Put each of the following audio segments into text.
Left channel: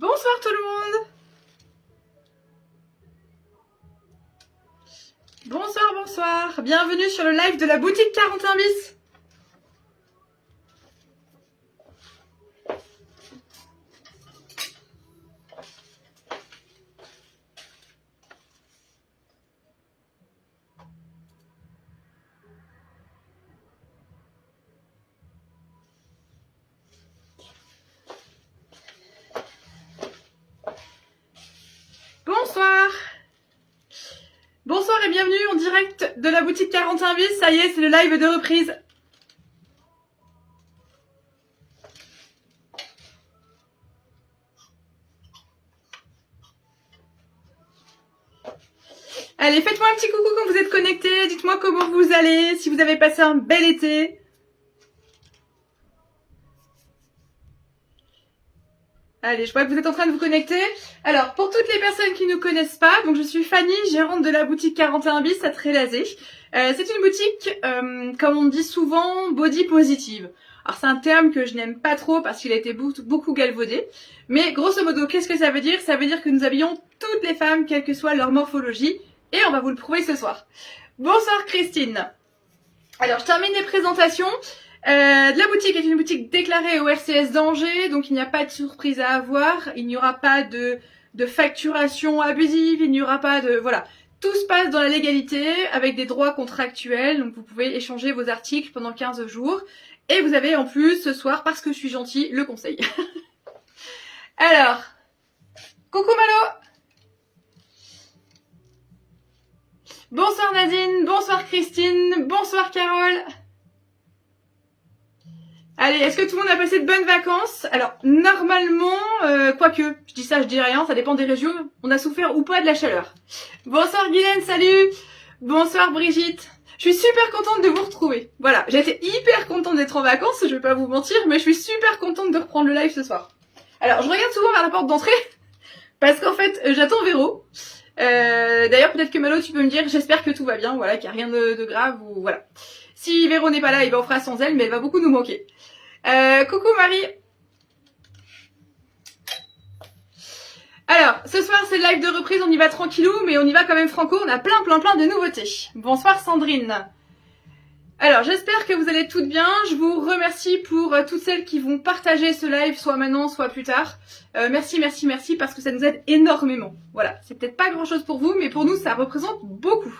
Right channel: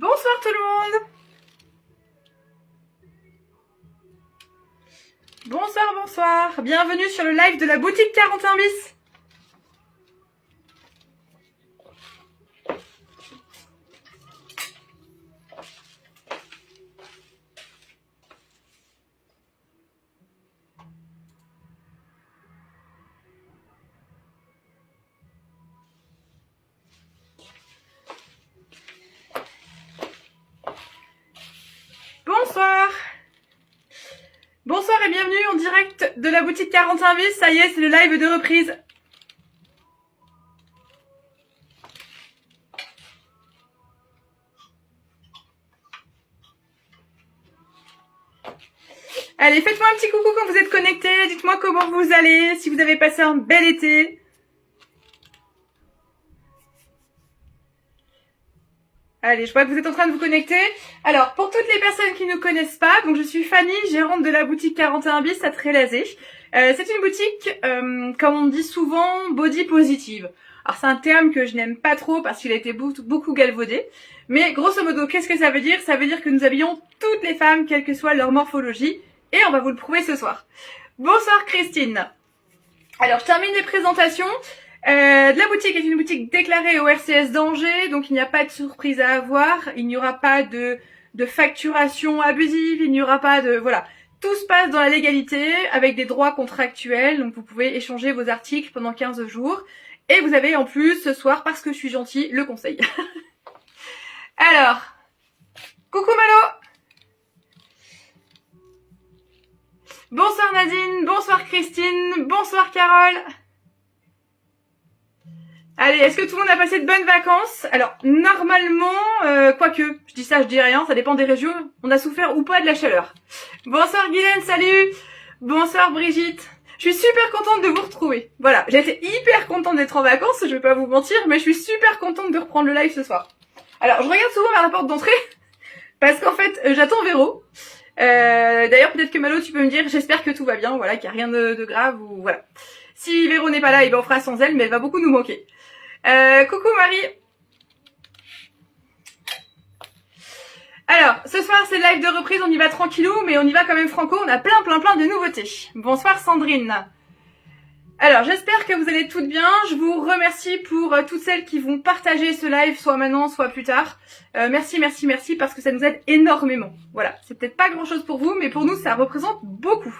Bonsoir tout le monde. Bonsoir, bonsoir. Bienvenue sur le live de la boutique 41 bis. Bonsoir. Bonsoir et bienvenue en direct de la boutique 41 bis. Ça y est, c'est le live de reprise. Allez, faites-moi un petit coucou quand vous êtes connectés. Dites-moi comment vous allez, si vous avez passé un bel été. Allez, je vois que vous êtes en train de vous connecter. Alors, pour toutes les personnes qui ne connaissent pas, donc je suis Fanny, gérante de la boutique 41 bis à Trélazé. C'est une boutique, comme on dit souvent, body positive. Alors, c'est un terme que je n'aime pas trop parce qu'il a été beaucoup galvaudé. Mais grosso modo, qu'est-ce que ça veut dire? Ça veut dire que nous habillons toutes les femmes, quelle que soit leur morphologie. Et on va vous le prouver ce soir. Bonsoir Christine. Alors, je termine les présentations. La boutique est une boutique déclarée au RCS d'Angers, donc il n'y a pas de surprise à avoir, il n'y aura pas de facturation abusive, il n'y aura pas de... Voilà, tout se passe dans la légalité, avec des droits contractuels, donc vous pouvez échanger vos articles pendant 15 jours. Et vous avez en plus, ce soir, parce que je suis gentille, le conseil. Alors, coucou Malo. Bonsoir Nadine, bonsoir Christine, bonsoir Carole. Allez, est-ce que tout le monde a passé de bonnes vacances? Alors, normalement, quoique, je dis ça, je dis rien, ça dépend des régions, on a souffert ou pas de la chaleur. Bonsoir Guylaine, salut. Bonsoir Brigitte. Je suis super contente de vous retrouver. Voilà, j'ai été hyper contente d'être en vacances, je vais pas vous mentir, mais je suis super contente de reprendre le live ce soir. Alors, je regarde souvent vers la porte d'entrée, parce qu'en fait, j'attends Véro. D'ailleurs, peut-être que Malo, tu peux me dire, j'espère que tout va bien, voilà, qu'il n'y a rien de grave, ou voilà. Si Véro n'est pas là, on fera sans elle, mais elle va beaucoup nous manquer. Coucou Marie. Alors, ce soir c'est le live de reprise, on y va tranquillou, mais on y va quand même franco, on a plein de nouveautés. Bonsoir Sandrine. Alors, j'espère que vous allez toutes bien. Je vous remercie pour toutes celles qui vont partager ce live, soit maintenant, soit plus tard. Merci, parce que ça nous aide énormément. Voilà, c'est peut-être pas grand-chose pour vous, mais pour nous, ça représente beaucoup.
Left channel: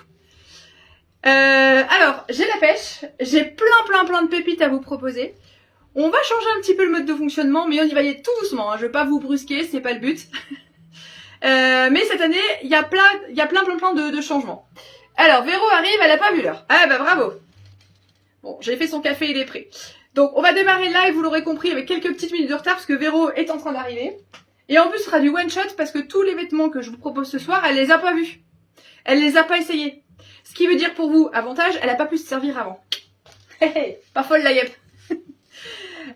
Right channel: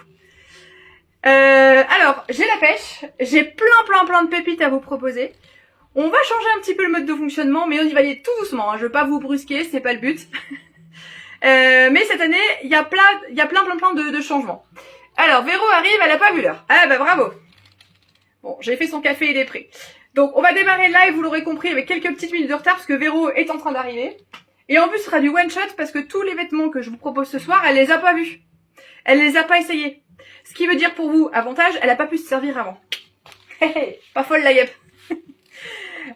Alors, j'ai la pêche, j'ai plein de pépites à vous proposer. On va changer un petit peu le mode de fonctionnement, mais on y va aller tout doucement. Hein. Je veux pas vous brusquer, c'est pas le but. Mais cette année, il y a plein de changements. Alors, Véro arrive, elle a pas vu l'heure. Ah bah bravo. Bon, j'ai fait son café, il est prêt. Donc, on va démarrer le live, vous l'aurez compris, avec quelques petites minutes de retard, parce que Véro est en train d'arriver. Et en plus, ce sera du one-shot, parce que tous les vêtements que je vous propose ce soir, elle les a pas vus. Elle les a pas essayés. Ce qui veut dire pour vous, avantage, elle a pas pu se servir avant. Pas folle la guêpe.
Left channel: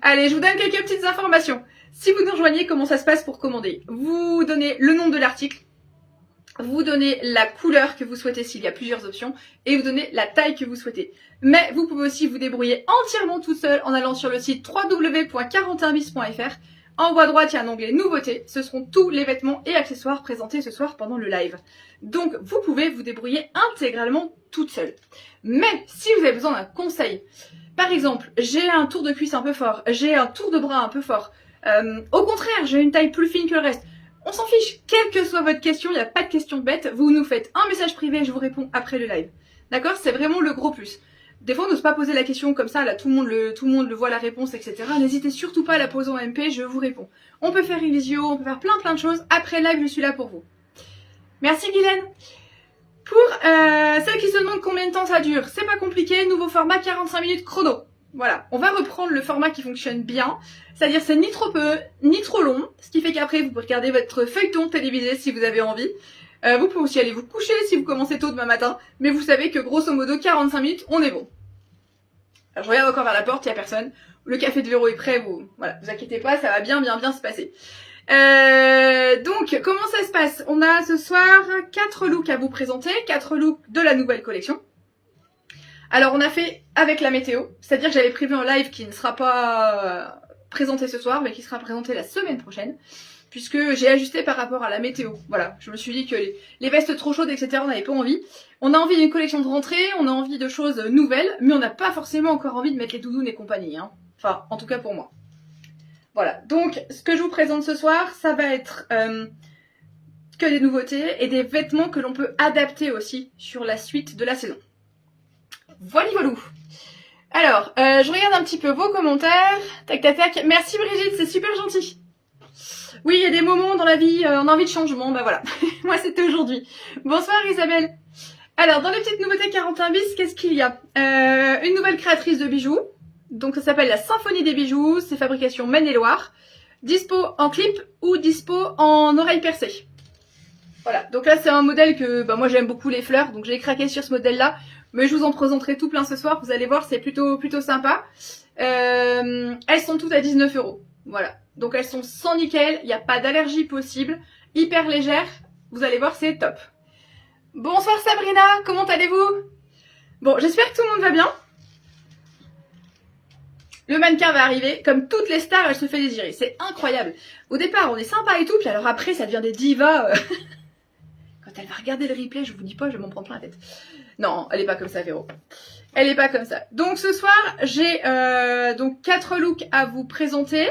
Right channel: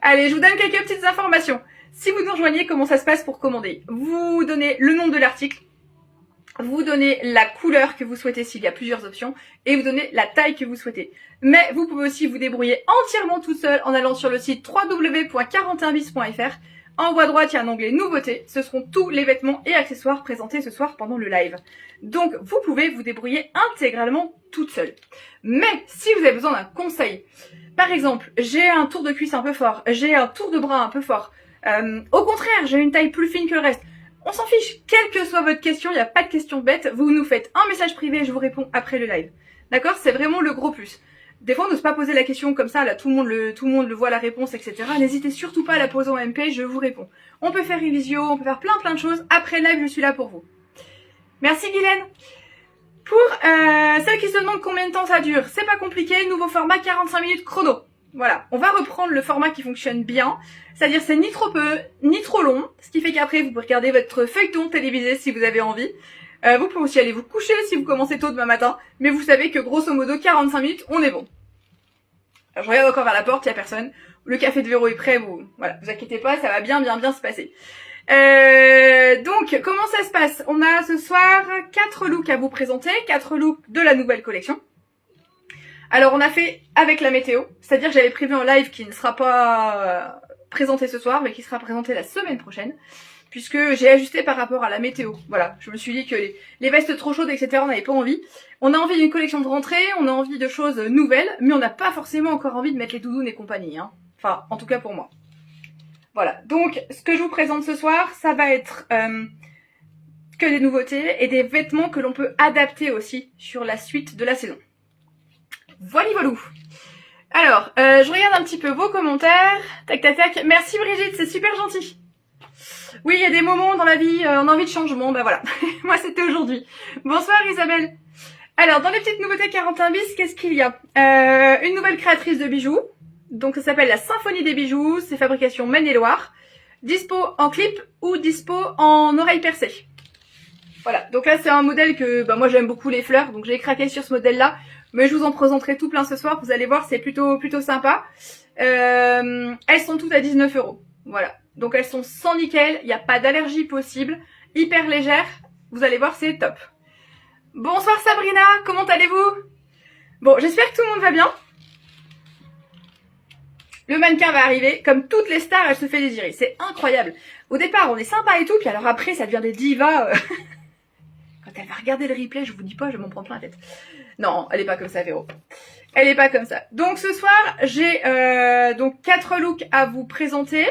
Allez, je vous donne quelques petites informations. Si vous nous rejoignez, comment ça se passe pour commander? Vous donnez le nom de l'article, vous donnez la couleur que vous souhaitez s'il y a plusieurs options, et vous donnez la taille que vous souhaitez. Mais vous pouvez aussi vous débrouiller entièrement tout seul en allant sur le site www.41bis.fr. En haut à droite, il y a un onglet nouveautés. Ce seront tous les vêtements et accessoires présentés ce soir pendant le live. Donc, vous pouvez vous débrouiller intégralement toute seule. Mais si vous avez besoin d'un conseil, par exemple, j'ai un tour de cuisse un peu fort, j'ai un tour de bras un peu fort, au contraire, j'ai une taille plus fine que le reste, on s'en fiche, quelle que soit votre question, il n'y a pas de question bête, vous nous faites un message privé et je vous réponds après le live. D'accord? C'est vraiment le gros plus. Des fois, on n'ose pas poser la question comme ça, là, tout le monde le voit la réponse, etc. N'hésitez surtout pas à la poser en MP, je vous réponds. On peut faire une visio, on peut faire plein de choses. Après le live, je suis là pour vous. Merci Guylaine. Pour celles qui se demandent combien de temps ça dure, c'est pas compliqué, nouveau format 45 minutes chrono. Voilà, on va reprendre le format qui fonctionne bien, c'est-à-dire c'est ni trop peu, ni trop long, ce qui fait qu'après vous pouvez regarder votre feuilleton télévisé si vous avez envie. Vous pouvez aussi aller vous coucher si vous commencez tôt demain matin, mais vous savez que grosso modo 45 minutes, on est bon. Alors, je regarde encore vers la porte, il n'y a personne. Le café de Véro est prêt, vous inquiétez pas, ça va bien se passer. Donc, comment ça se passe? On a ce soir 4 looks à vous présenter, 4 looks de la nouvelle collection. Alors, on a fait avec la météo, c'est-à-dire que j'avais prévu un live qui ne sera pas présenté ce soir, mais qui sera présenté la semaine prochaine, puisque j'ai ajusté par rapport à la météo. Voilà, je me suis dit que les vestes trop chaudes, etc., on n'avait pas envie. On a envie d'une collection de rentrée, on a envie de choses nouvelles, mais on n'a pas forcément encore envie de mettre les doudounes et compagnie. Hein. Enfin, en tout cas pour moi. Voilà, donc ce que je vous présente ce soir, ça va être que des nouveautés et des vêtements que l'on peut adapter aussi sur la suite de la saison. Voilà, voilà. Alors, je regarde un petit peu vos commentaires. Tac, tac, tac. Merci Brigitte, c'est super gentil. Oui, il y a des moments dans la vie, on a envie de changement, bah voilà. Moi, c'était aujourd'hui. Bonsoir Isabelle. Alors, dans les petites nouveautés 41 bis, qu'est-ce qu'il y a? Une nouvelle créatrice de bijoux. Donc, ça s'appelle la Symphonie des bijoux. C'est fabrication Maine-et-Loire. Dispo en clip ou dispo en oreille percée. Voilà. Donc là, c'est un modèle que moi, j'aime beaucoup les fleurs. Donc, j'ai craqué sur ce modèle-là. Mais je vous en présenterai tout plein ce soir. Vous allez voir, c'est plutôt sympa. Elles sont toutes à 19 €. Voilà. Donc, elles sont sans nickel. Il n'y a pas d'allergie possible. Hyper légères. Vous allez voir, c'est top. Bonsoir Sabrina, comment allez-vous? Bon, j'espère que tout le monde va bien. Le mannequin va arriver, comme toutes les stars, elle se fait désirer. C'est incroyable. Au départ, on est sympa et tout, puis alors après, ça devient des divas. Quand elle va regarder le replay, je vous dis pas, je vais m'en prendre plein la tête. Non, elle est pas comme ça, Véro. Elle est pas comme ça. Donc ce soir, j'ai donc 4 looks à vous présenter.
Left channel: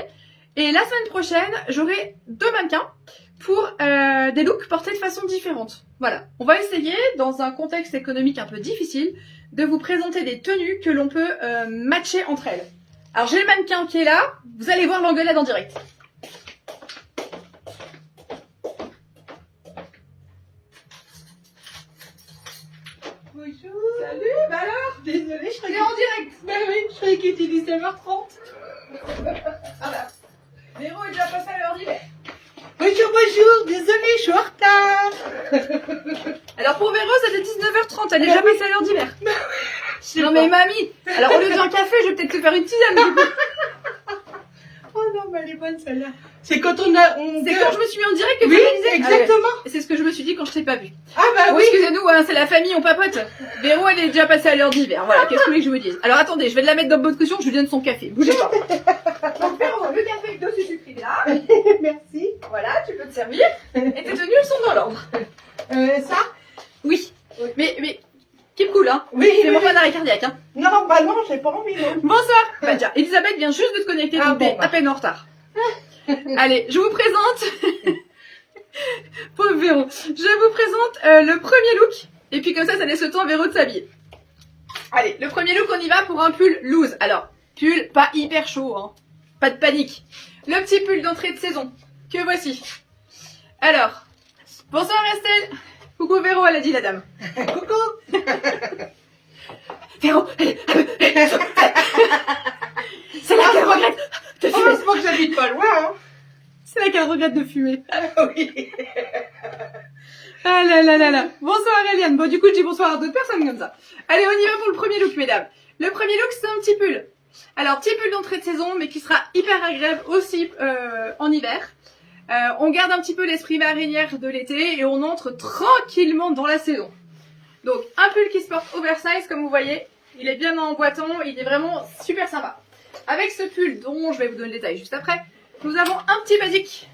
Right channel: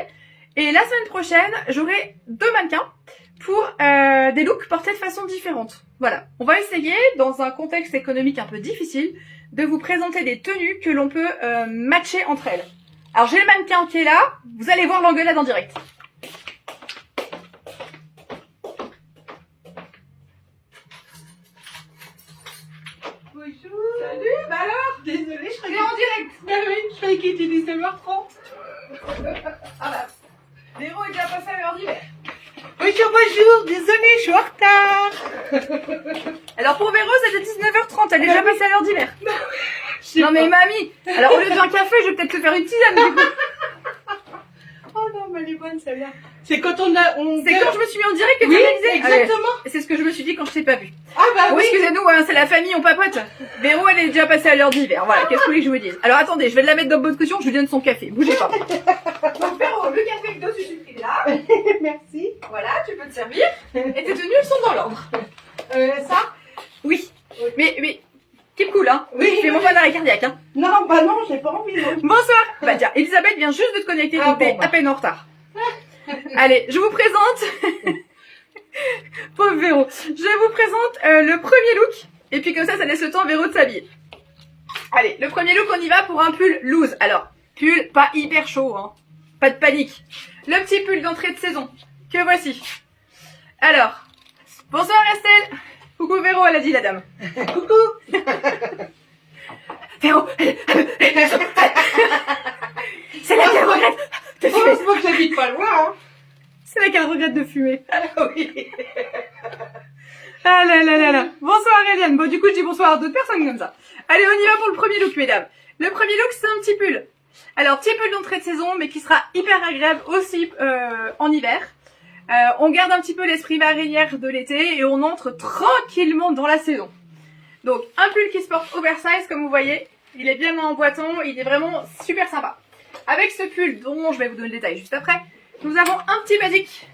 Et la semaine prochaine, j'aurai 2 mannequins pour des looks portés de façon différente. Voilà, on va essayer, dans un contexte économique un peu difficile, de vous présenter des tenues que l'on peut matcher entre elles. Alors j'ai le mannequin qui est là, vous allez voir l'engueulade en direct. Bonjour. Salut, bah alors? Désolée, je croyais T'es en direct. Bah oui, je croyais qu'il était 19h30. Ah bah, Véro est déjà passé à l'heure d'hiver. Bonjour, bonjour, désolée, je suis en retard. Alors pour Véro, c'était 19h30, elle est déjà passée à l'heure d'hiver. Non mais mamie, alors au lieu d'un café, je vais peut-être te faire une tisane du coup. Oh non, mais elle est bonne celle-là. C'est quand on a... C'est quand je me suis mis en direct que tu Oui, réalisé. exactement. C'est ce que je me suis dit quand je t'ai pas vu. Ah bah Bon, oui. excusez-nous, hein, c'est la famille, on papote. Véro, elle est déjà passée à l'heure d'hiver. Voilà, qu'est-ce que vous voulez que je vous dise? Alors attendez, je vais la mettre dans bonne caution, je lui donne son café. Bougez pas. Donc Véro, le café avec 2 sucrés là. Merci. Voilà, tu peux te servir. Et tes tenues sont dans l'ordre. Ça Oui. Mais keep cool, hein. Oui. C'est mon pas d'arrêt cardiaque, hein. Non, bah non, j'ai pas envie, non. Bonsoir. Bah tiens, Elisabeth vient juste de te connecter, Ah donc t'es bon, bah. à peine en retard. Allez, je vous présente. Pauvre Véro. Je vous présente le premier look. Et puis comme ça laisse le temps à Véro de s'habiller. Allez, le premier look, on y va pour un pull loose. Alors, pull pas hyper chaud, hein. Pas de panique. Le petit pull d'entrée de saison. Que voici. Alors, bonsoir Estelle. Coucou Véro, elle a dit la dame. Coucou. Véro. C'est là qu'elle regrette de fumer. Heureusement que j'habite pas loin, hein. C'est là qu'elle regrette de fumer. Oui. Ah là là là là. Bonsoir Eliane. Bon, du coup, je dis bonsoir à d'autres personnes comme ça. Allez, on y va pour le premier look, mesdames. Le premier look, c'est un petit pull. Alors, petit pull d'entrée de saison, mais qui sera hyper agréable aussi en hiver. On garde un petit peu l'esprit marinière de l'été et on entre tranquillement dans la saison. Donc, un pull qui se porte oversize, comme vous voyez. Il est bien emboîtant, il est vraiment super sympa. Avec ce pull, dont je vais vous donner le détail juste après, nous avons un petit basique.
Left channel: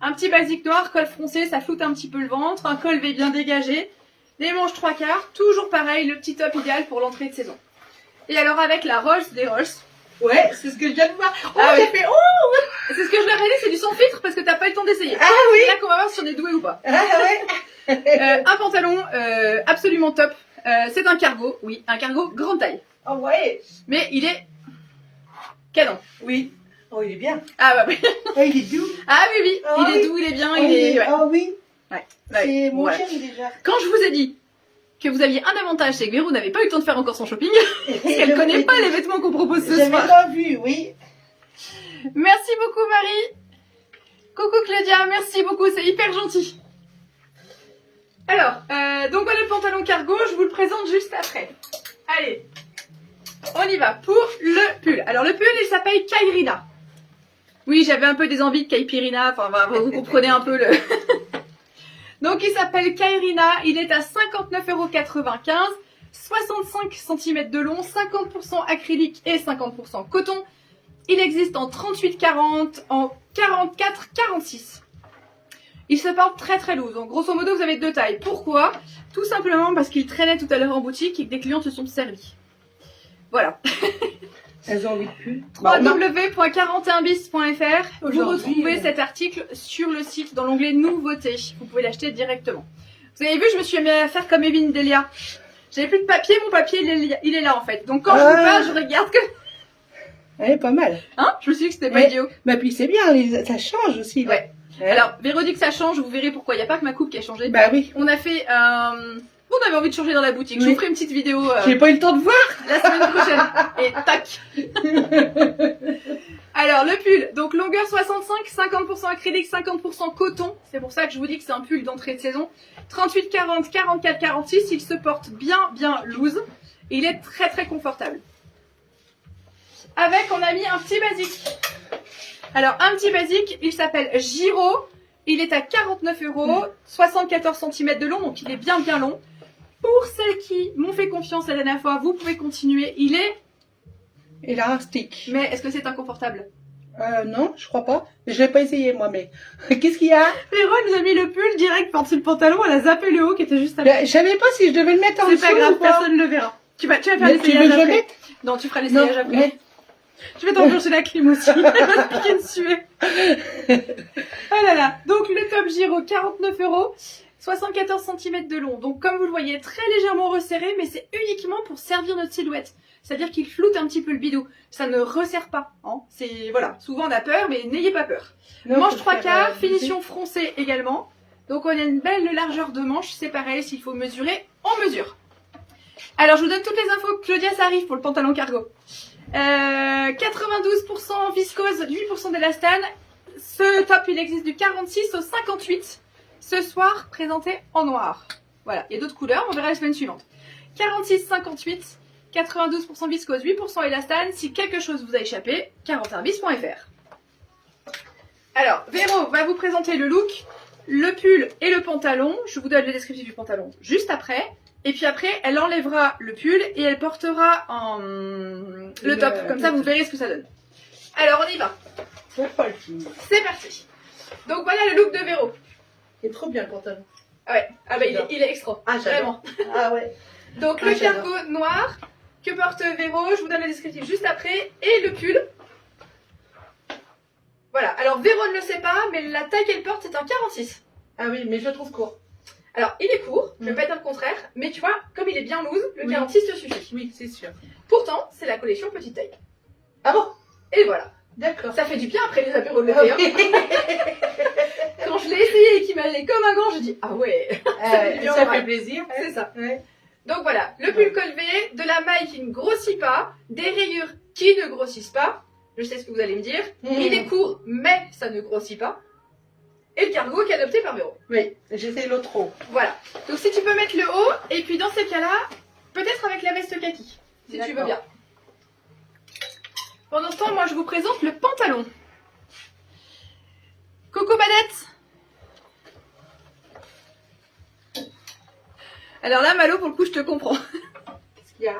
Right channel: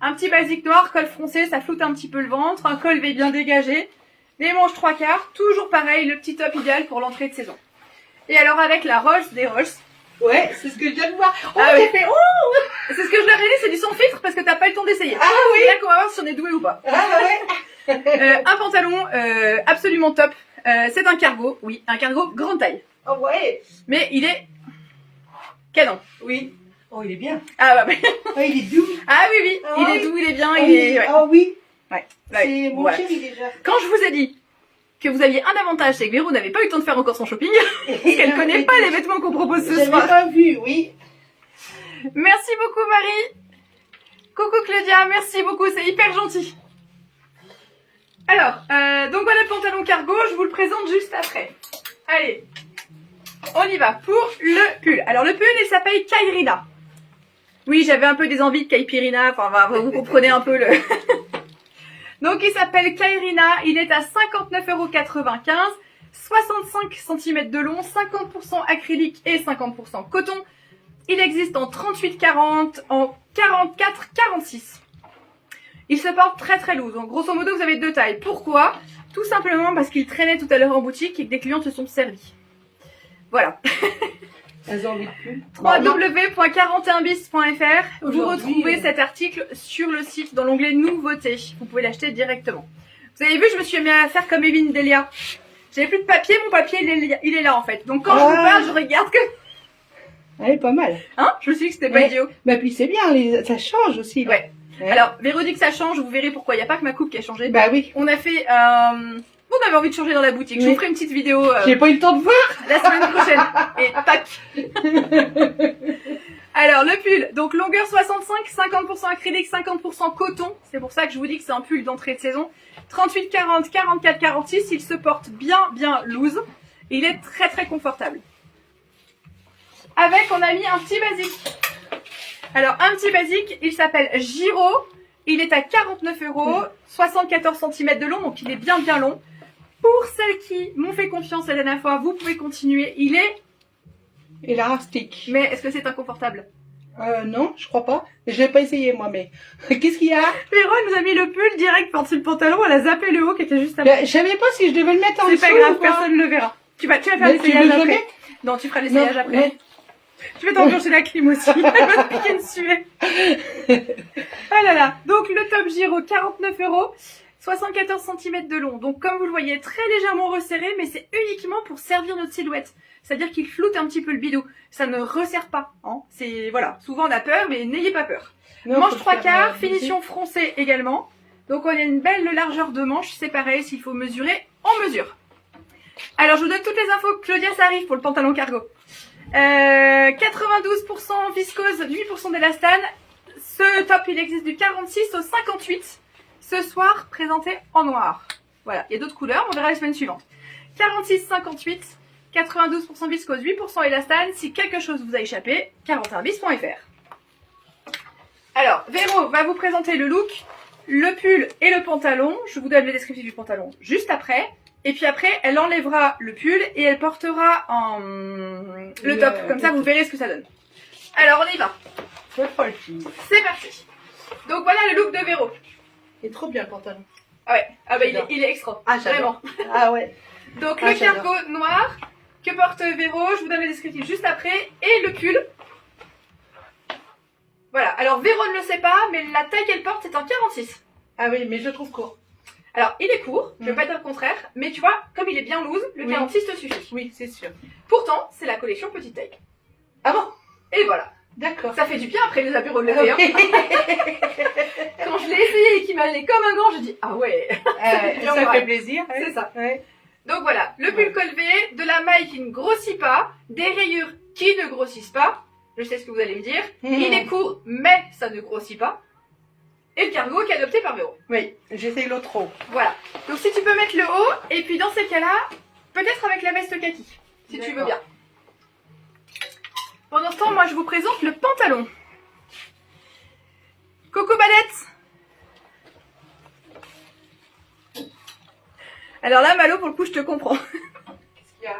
Un petit basique noir, col froncé, ça floute un petit peu le ventre, un col V bien dégagé, des manches 3/4, toujours pareil, le petit top idéal pour l'entrée de saison. Et alors avec la Rolls des Rolls. Ouais, c'est ce que je viens de voir. Oh, Ah j'ai oui. fait oh. C'est ce que je leur ai dit, c'est du sans filtre parce que t'as pas eu le temps d'essayer. Ah oui. C'est là qu'on va voir si on est doué ou pas. Ah ouais. Un pantalon absolument top. C'est un cargo, oui, un cargo grande taille. Oh ouais. Mais il est canon. Oui. Oh, il est bien. Ah bah oui. Oh, il est doux. Ah oui, oui, Oh, il est oui. doux, il est bien, Oh, il est... Ouais. Oh oui. Ouais. C'est Ouais. mon Voilà. chéri déjà. Quand je vous ai dit que vous aviez un avantage, c'est que Véro n'avait pas eu le temps de faire encore son shopping, parce qu'elle connaît pas les vêtements qu'on propose ce J'avais soir. pas vu, oui. Merci beaucoup Marie. Coucou Claudia, merci beaucoup, c'est hyper gentil. Alors, donc voilà le pantalon cargo, je vous le présente juste après. Allez, on y va pour le pull. Alors le pull, il s'appelle Kairina. Oui, j'avais un peu des envies de Caipirina, enfin vous comprenez un peu le... Donc il s'appelle Kairina, il est à 59,95 €, 65 cm de long, 50% acrylique et 50% coton. Il existe en 38-40, en 44-46. Il se porte très très loose. Donc grosso modo, vous avez deux tailles. Pourquoi? Tout simplement parce qu'il traînait tout à l'heure en boutique et que des clients se sont servis. Voilà. Elles ont envie de pull. www.41bis.fr. Vous retrouvez Aujourd'hui, cet article sur le site dans l'onglet nouveautés. Vous pouvez l'acheter directement. Vous avez vu, je me suis mis à faire comme Evelyne Delia. J'avais plus de papier, mon papier il est là en fait. Donc quand je vous parle, je regarde que... Elle est pas mal. Hein? Je me suis dit que c'était pas idiot. Bah puis c'est bien, ça change aussi. Là. Ouais. Alors, Véronique, ça change, vous verrez pourquoi. Il n'y a pas que ma coupe qui a changé. Bah oui. On a fait... On avait envie de changer dans la boutique. Je vous ferai une petite vidéo J'ai pas eu le temps de voir. la semaine prochaine. Et tac. Alors, le pull. Donc, longueur 65, 50% acrylique, 50% coton. C'est pour ça que je vous dis que c'est un pull d'entrée de saison. 38, 40, 44, 46. Il se porte bien loose. Et il est très très confortable. Avec, on a mis un petit basique. Alors, un petit basique, il s'appelle Giro. Il est à 49 €, 74 cm de long, donc il est bien long. Pour celles qui m'ont fait confiance la dernière fois, vous pouvez continuer. Il est... Élastique. Mais est-ce que c'est inconfortable? Non, je crois pas. Je l'ai pas essayé moi, mais qu'est-ce qu'il y a? Véro nous a mis le pull direct par-dessus le pantalon, elle a zappé le haut qui était juste après. Je savais pas si je devais le mettre en dessous. C'est pas grave, ou pas. personne ne le verra. Tu vas faire Mais tu veux l'essayage que je le après. mette? Non, tu feras l'essayage Non, après. mais- Je vais t'enclencher la clim aussi. Elle va te piquer dessus. Oh là là. Donc le top Giro, 49 €, 74 cm de long. Donc comme vous le voyez, très légèrement resserré, mais c'est uniquement pour servir notre silhouette. C'est-à-dire qu'il floute un petit peu le bidou. Ça ne resserre pas. Hein. C'est voilà. Souvent on a peur, mais n'ayez pas peur. Non, Manche faut 3 faire, quarts, finition froncée également. Donc on a une belle largeur de manche. C'est pareil, s'il faut mesurer, on mesure. Alors je vous donne toutes les infos. Claudia, ça arrive pour le pantalon cargo. 92% viscose, 8% d'élastane. Ce top, il existe du 46 au 58. Ce soir, présenté en noir. Voilà, il y a d'autres couleurs, on verra la semaine suivante. 46-58, 92% viscose, 8% élastane. Si quelque chose vous a échappé, 41bis.fr. Alors, Véro va vous présenter le look, le pull et le pantalon. Je vous donne le descriptif du pantalon juste après. Et puis après, elle enlèvera le pull et elle portera le top. Comme ça, vous verrez ce que ça donne. Alors, on y va. C'est parti. C'est parti. Donc, voilà le look de Véro. Il est trop bien le pantalon. Ah ouais, il est extra. Ah, Vraiment. Ah ouais. Donc, Ah, le cargo noir que porte Véro. Je vous donne le descriptif juste après. Et le pull. Voilà. Alors, Véro ne le sait pas, mais la taille qu'elle porte, c'est un 46. Ah oui, mais je le trouve court. Alors, il est court, je ne vais pas dire le contraire, mais tu vois, comme il est bien loose, le 46 te suffit. Oui, c'est sûr. Pourtant, c'est la collection petite taille. Ah bon? Et voilà. D'accord. Ça fait du bien après les apéros de l'été. Hein. Quand je l'ai essayé et qu'il m'allait comme un gant, j'ai dit, ah ouais. Ça fait plaisir. C'est ça. Ouais. Donc voilà, le pull colvé, de la maille qui ne grossit pas, des rayures qui ne grossissent pas. Je sais ce que vous allez me dire. Il est court, mais ça ne grossit pas. Et le cargo qui est adopté par Véro. Oui, j'essaye l'autre haut. Voilà. Donc si tu peux mettre le haut, et puis dans ces cas-là, peut-être avec la veste kaki, si tu veux bien. Pendant ce temps, moi je vous présente le pantalon. Coco Badette. Alors là, Malo, pour le coup, je te comprends. Qu'est-ce qu'il y a?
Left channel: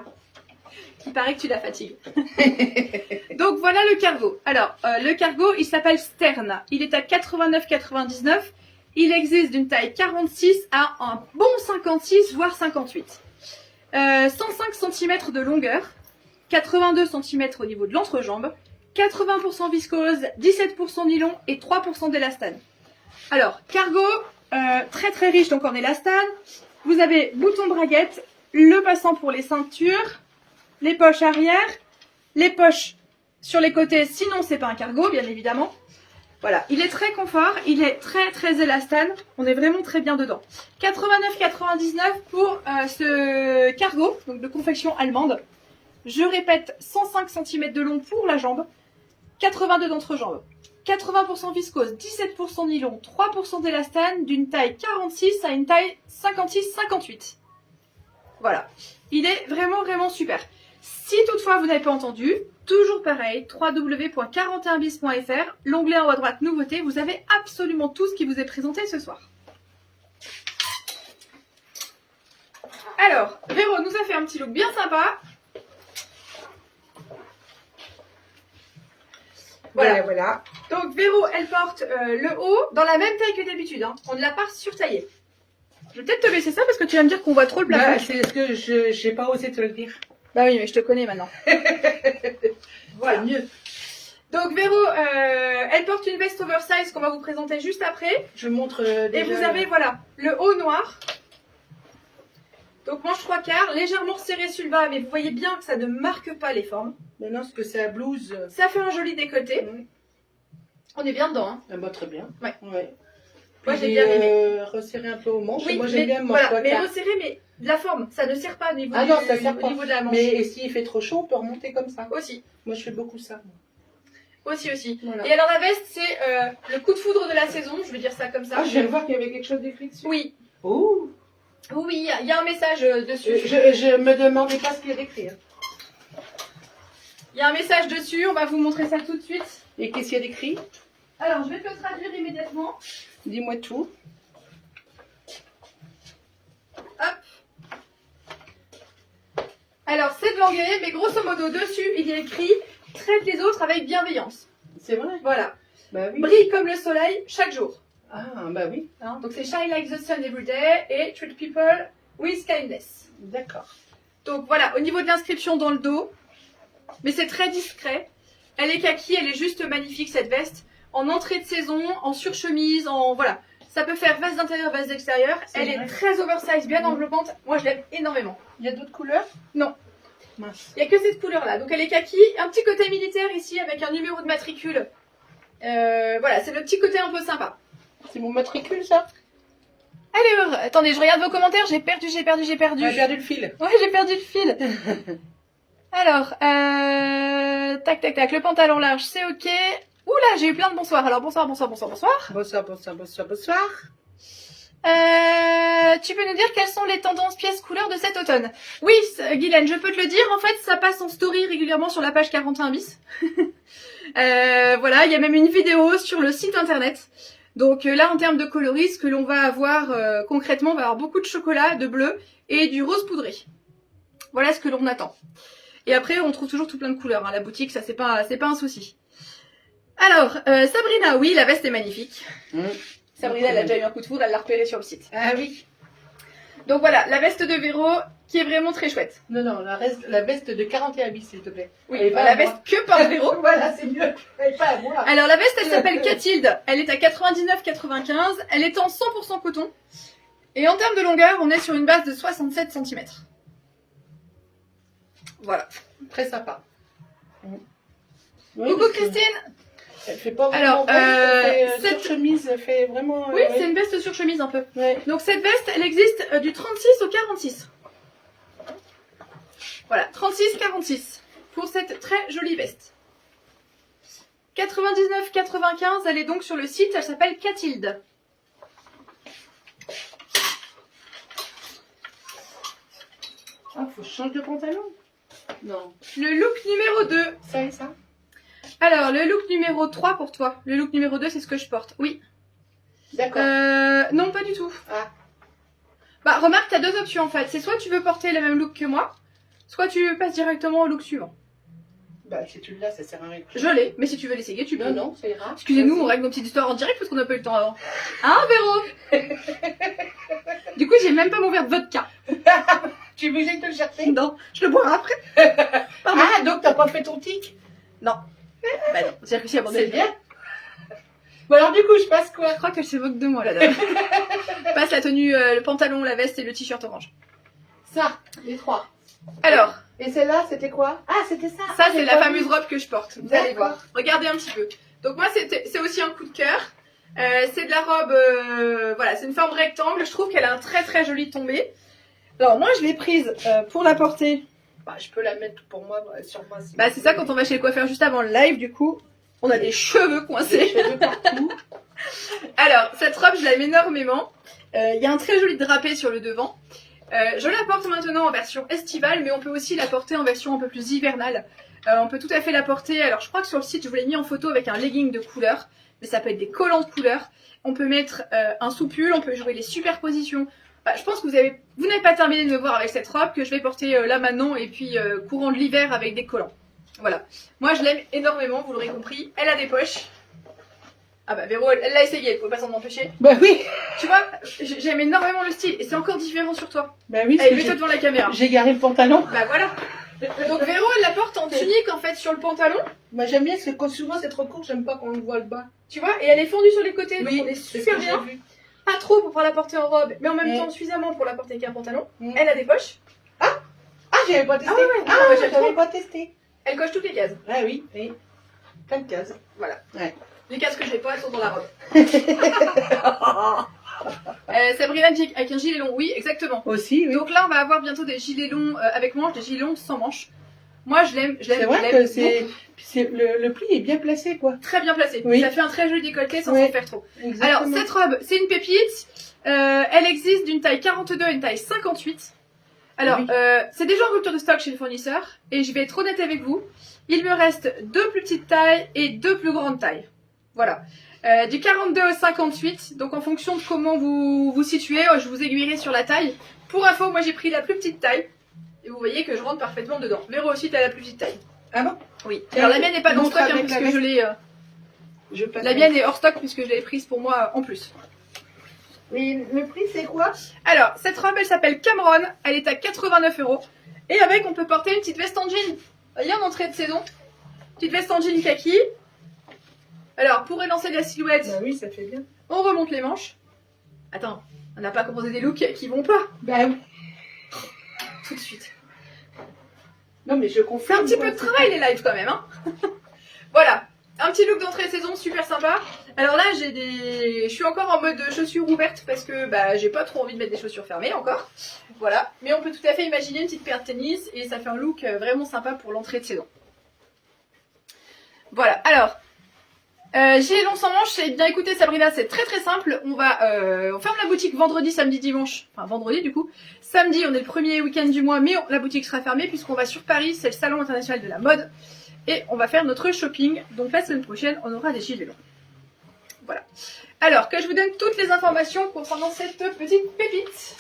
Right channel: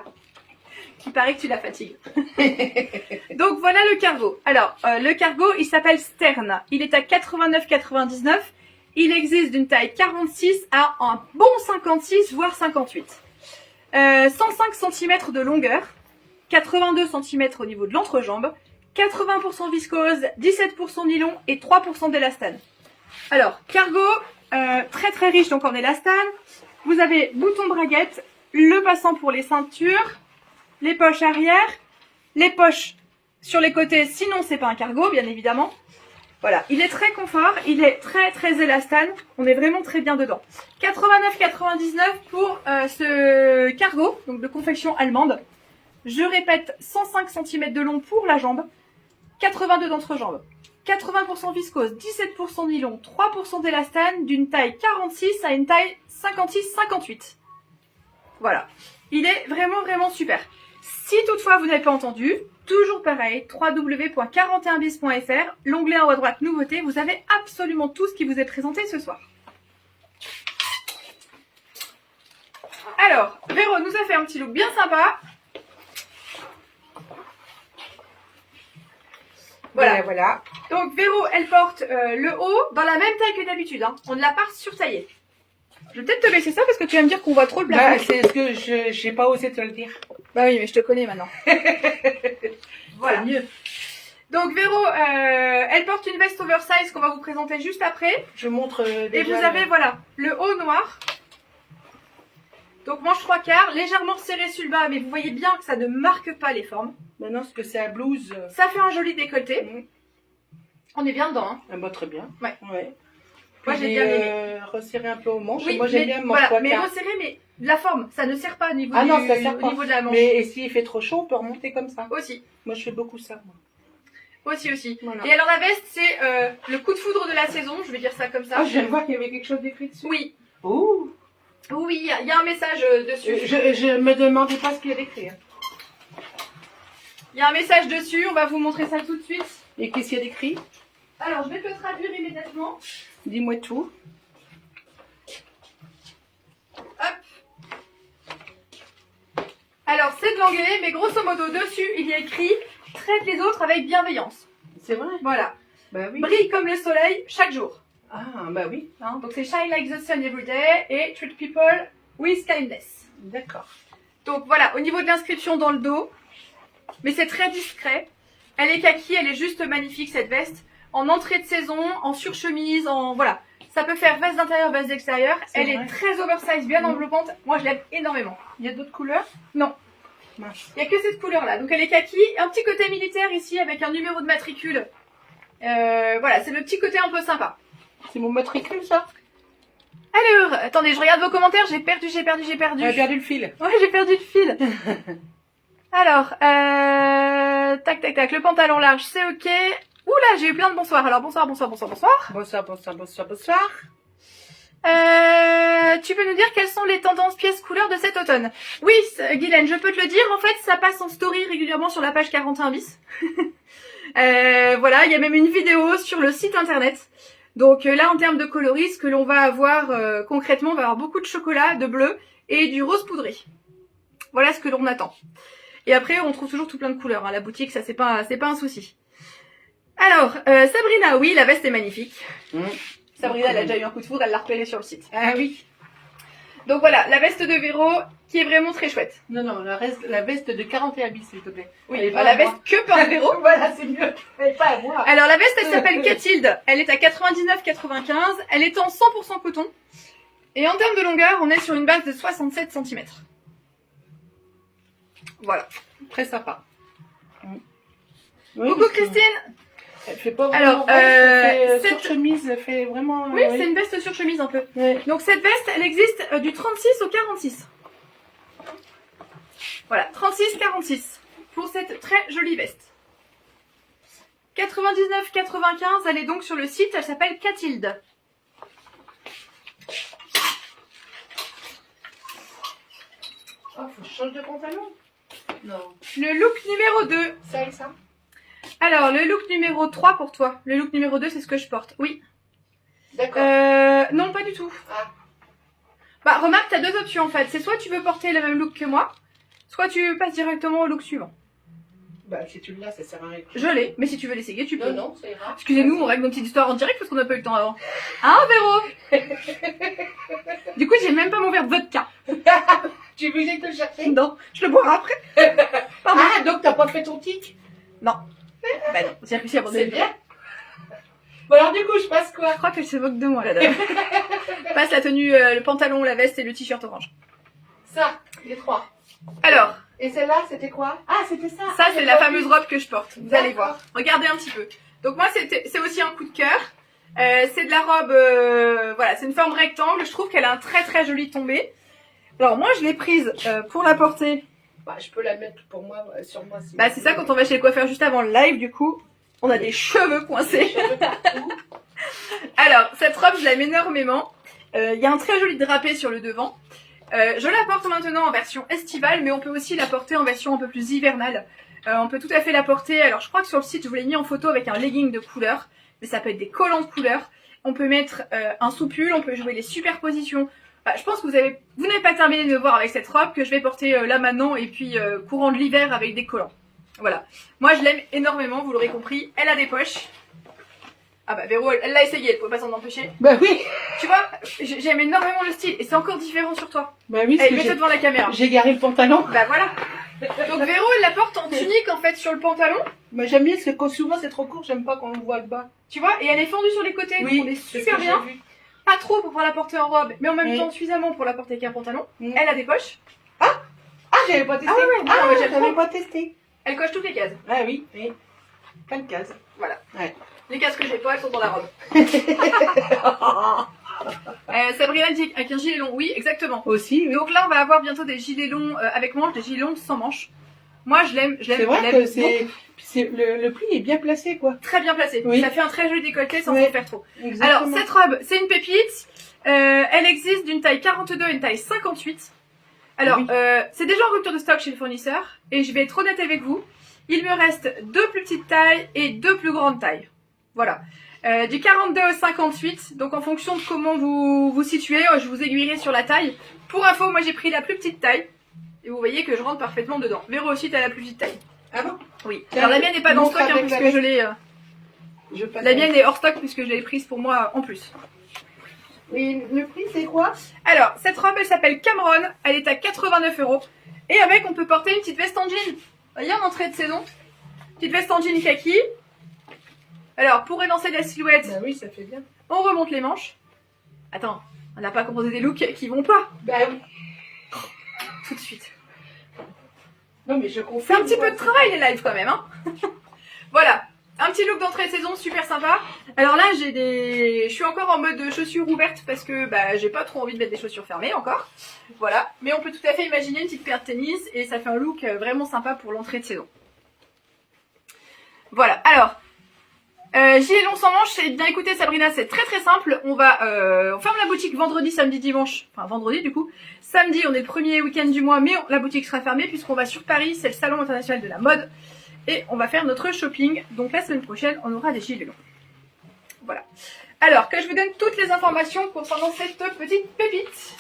Il paraît que tu la fatigues. Donc voilà le cargo. Alors, le cargo, il s'appelle Stern. Il est à 89,99. Il existe d'une taille 46 à un bon 56, voire 58. 105 cm de longueur, 82 cm au niveau de l'entrejambe, 80% viscose, 17% nylon et 3% d'élastane. Alors, cargo, très très riche donc en élastane. Vous avez bouton braguette, le passant pour les ceintures, les poches arrière, les poches sur les côtés, sinon c'est pas un cargo bien évidemment. Voilà, il est très confort, il est très très élastane, on est vraiment très bien dedans. 89,99 pour ce cargo, donc de confection allemande. Je répète, 105 cm de long pour la jambe, 82 d'entrejambe, 80% viscose, 17% nylon, 3% d'élastane, d'une taille 46 à une taille 56-58. Voilà, il est vraiment vraiment super. Si toutefois vous n'avez pas entendu, toujours pareil, www.41bis.fr, l'onglet en haut à droite nouveautés, vous avez absolument tout ce qui vous est présenté ce soir. Alors, Véro nous a fait un petit look bien sympa. Voilà. Donc Véro, elle porte le haut dans la même taille que d'habitude. Hein. On ne l'a pas surtaillé. Je vais peut-être te laisser ça parce que tu vas me dire qu'on voit trop le plafond. Bah, c'est ce que j'ai pas osé te le dire. Bah oui, mais je te connais maintenant. Voilà. Mieux. Donc Véro, elle porte une veste oversize qu'on va vous présenter juste après. Je montre déjà. Et vous avez, voilà, le haut noir. Donc manche 3/4, légèrement serré sur le bas, mais vous voyez bien que ça ne marque pas les formes. Maintenant, ce que c'est la blouse. Ça fait un joli décolleté. On est bien dedans. Hein. Ah bah, très bien. Ouais. Puis Moi j'ai bien aimé. Resserré un peu au manche. Oui, Moi j'aime mais, bien le manche voilà, mais 3/4. resserré, mais de la forme. Ça ne sert pas au niveau, Ah non, ça sert au pas. niveau de la manche. Mais s'il fait trop chaud, on peut remonter comme ça. Aussi. Moi je fais beaucoup ça. Moi. Aussi. Voilà. Et alors la veste, c'est le coup de foudre de la saison, je vais dire ça comme ça. Ah, je viens de voir qu'il y avait quelque chose d'écrit dessus. Oui. Ouh. Oui, il y a un message dessus. Je me demandais pas ce qu'il y a d'écrit. Hein. Il y a un message dessus, on va vous montrer ça tout de suite. Et qu'est-ce qu'il y a d'écrit? Alors, je vais te le traduire immédiatement. Dis-moi tout. Hop. Alors, c'est de l'anglais, mais grosso modo, dessus, il y a écrit « Traite les autres avec bienveillance C'est vrai. ». Voilà. Bah oui. Brille comme le soleil chaque jour. Ah, bah oui. Hein, donc, c'est « Shine like the sun every day » et « Treat people with kindness ». D'accord. Donc, voilà, au niveau de l'inscription dans le dos, mais c'est très discret. Elle est kaki, elle est juste magnifique, cette veste. En entrée de saison, en surchemise, en... Voilà. Ça peut faire veste d'intérieur, veste d'extérieur. Elle est très oversize, bien enveloppante. Moi, je l'aime énormément. Il y a d'autres couleurs? Non. Mince. Il n'y a que cette couleur-là. Donc, elle est kaki. Un petit côté militaire ici avec un numéro de matricule. Voilà, c'est le petit côté un peu sympa. C'est mon matricule, ça? Alors, attendez, je regarde vos commentaires. J'ai perdu. J'ai perdu le fil. Ouais, j'ai perdu le fil. Alors, tac. Le pantalon large, c'est ok. Oula, j'ai eu plein de bonsoirs. Alors, bonsoir. Bonsoir. Tu peux nous dire quelles sont les tendances pièces couleurs de cet automne? Oui, Guylaine, je peux te le dire. En fait, ça passe en story régulièrement sur la page 41 bis. Voilà, il y a même une vidéo sur le site internet. Donc là, en termes de coloris, ce que l'on va avoir concrètement, on va avoir beaucoup de chocolat, de bleu et du rose poudré. Voilà ce que l'on attend. Et après, on trouve toujours tout plein de couleurs. Hein. La boutique, ça, c'est pas un souci. Alors, Sabrina, oui, la veste est magnifique. Sabrina, elle a déjà eu un coup de foudre, elle l'a repéré sur le site. Ah oui. Donc voilà, la veste de Véro, qui est vraiment très chouette. Non, la veste de 41 bis, s'il te plaît. Oui, la veste que porte Véro. Voilà, c'est mieux. Elle est pas à moi. Alors la veste, elle s'appelle Cathilde. Elle est à 99,95. Elle est en 100% coton. Et en termes de longueur, on est sur une base de 67 cm. Voilà. Très sympa. Oui, Coucou Christine. Elle fait pas Alors, cette chemise, elle fait vraiment... Oui, c'est une veste sur chemise un peu. Ouais. Donc cette veste, elle existe du 36 au 46. Voilà, 36-46 pour cette très jolie veste. 99,95, elle est donc sur le site, elle s'appelle Cathilde. Ah, faut que je change de pantalon. Non. Le look numéro 2. C'est ça? Alors, le look numéro 3 pour toi. Le look numéro 2, c'est ce que je porte. Oui. D'accord. Non, pas du tout. Ah. Bah, remarque, t'as deux options en fait. C'est soit tu veux porter le même look que moi, soit tu passes directement au look suivant. Bah, si tu l'as, ça sert à rien. Je l'ai, mais si tu veux l'essayer, tu peux. Non, ça ira. Excusez-nous, on règle nos petites histoires en direct parce qu'on n'a pas eu le temps avant. Hein, Véro? Du coup, j'ai même pas mon verre de vodka. Tu veux que j'aille te le chercher? Non, je le boirai après. Pardon. Ah, donc t'as pas fait ton tic? Non. Bah non, j'ai réussi à aborder C'est le bien. Bon alors du coup, je passe quoi? Je crois qu'elle se moque de moi, la dame. Je passe la tenue, le pantalon, la veste et le t-shirt orange. Ça, les trois. Alors, et celle-là, c'était quoi? Ah, c'était ça. ça c'est j'ai la pas fameuse vu. robe que je porte. Vous allez D'accord. voir. Regardez un petit peu. Donc moi, c'est aussi un coup de cœur. C'est de la robe, voilà, c'est une forme rectangle. Je trouve qu'elle a un très très joli tombé. Alors moi, je l'ai prise pour la porter. Bah, je peux la mettre pour moi, sur moi. Si Bah c'est ça quand on va chez le coiffeur juste avant le live, du coup, on a des cheveux Des coincés. cheveux partout. Alors, cette robe, je l'aime énormément. Il y a un très joli drapé sur le devant. Je la porte maintenant en version estivale, mais on peut aussi la porter en version un peu plus hivernale. On peut tout à fait la porter. Alors, je crois que sur le site, je vous l'ai mis en photo avec un legging de couleur, mais ça peut être des collants de couleur. On peut mettre un sous-pull, on peut jouer les superpositions. Bah, je pense que vous n'avez pas terminé de me voir avec cette robe que je vais porter là maintenant et puis courant de l'hiver avec des collants. Voilà. Moi, je l'aime énormément, vous l'aurez compris. Elle a des poches. Ah bah Véro, elle l'a essayé, elle pouvait pas s'en empêcher. Bah oui. Tu vois, j'aime énormément le style et c'est encore différent sur toi. Bah oui, Allez, mets-toi devant la caméra. j'ai garé le pantalon. Bah voilà. Donc Véro, elle la porte en tunique en fait sur le pantalon. Bah j'aime bien parce que quand souvent c'est trop court, j'aime pas quand on voit le bas. Tu vois, et elle est fendue sur les côtés, Oui, donc on est c'est ce super que bien. j'ai vu. Pas trop pour pouvoir la porter en robe, mais en même Oui. temps suffisamment pour la porter avec un pantalon. Oui. Elle a des poches. Ah, j'avais pas testé. Ah ouais, ouais, Ah, ouais, j'avais j'avais pas testé. Elle coche toutes les cases. Ah oui, et plein de cases. Voilà. Ouais. Les cases que j'ai pas, elles sont dans la robe. Sabrina dit avec un gilet long, oui, exactement. Aussi, oui. Donc là, on va avoir bientôt des gilets longs avec manches, des gilets longs sans manches. Moi, je l'aime. C'est vrai que le pli est bien placé, quoi. Très bien placé. Oui. Ça fait un très joli décolleté sans Oui. s'en faire trop. Exactement. Alors, cette robe, c'est une pépite. Elle existe d'une taille 42 à une taille 58. Alors, Oui. c'est déjà en rupture de stock chez le fournisseur. Et je vais être honnête avec vous. Il me reste 2 plus petites tailles et 2 plus grandes tailles. Voilà. Du 42 au 58. Donc, en fonction de comment vous vous situez, je vous aiguillerai sur la taille. Pour info, moi, j'ai pris la plus petite taille. Et vous voyez que je rentre parfaitement dedans. Véro aussi, t'as la plus petite taille. Ah bon? Oui. Tiens, Alors, la mienne n'est pas dans montre stock, hein, avec puisque la je l'ai... passe La mienne est hors stock, puisque je l'ai prise pour moi en plus. Et le prix, c'est quoi? Alors, cette robe, elle s'appelle Cameron. Elle est à 89 €. Et avec, on peut porter une petite veste en jean. Vous voyez, en entrée de saison. Petite veste en jean kaki. Alors, pour élancer la silhouette, Bah oui, ça fait bien. on remonte les manches. Attends, on n'a pas composé des looks qui vont pas. Bah oui. Tout de suite. Non, mais je C'est confirme. un petit peu de travail, les lives, quand même. Hein. Voilà. Un petit look d'entrée de saison, super sympa. Alors là, je suis encore en mode chaussures ouvertes parce que bah, j'ai pas trop envie de mettre des chaussures fermées encore. Voilà. Mais on peut tout à fait imaginer une petite paire de tennis et ça fait un look vraiment sympa pour l'entrée de saison. Voilà. Alors, gilet long sans manches, eh bien écoutez Sabrina, c'est très très simple. On ferme la boutique vendredi, samedi, dimanche. Enfin vendredi du coup. Samedi, on est le premier week-end du mois, mais la boutique sera fermée puisqu'on va sur Paris, c'est le salon international de la mode. Et on va faire notre shopping. Donc la semaine prochaine, on aura des gilets longs. Voilà. Alors, que je vous donne toutes les informations concernant cette petite pépite.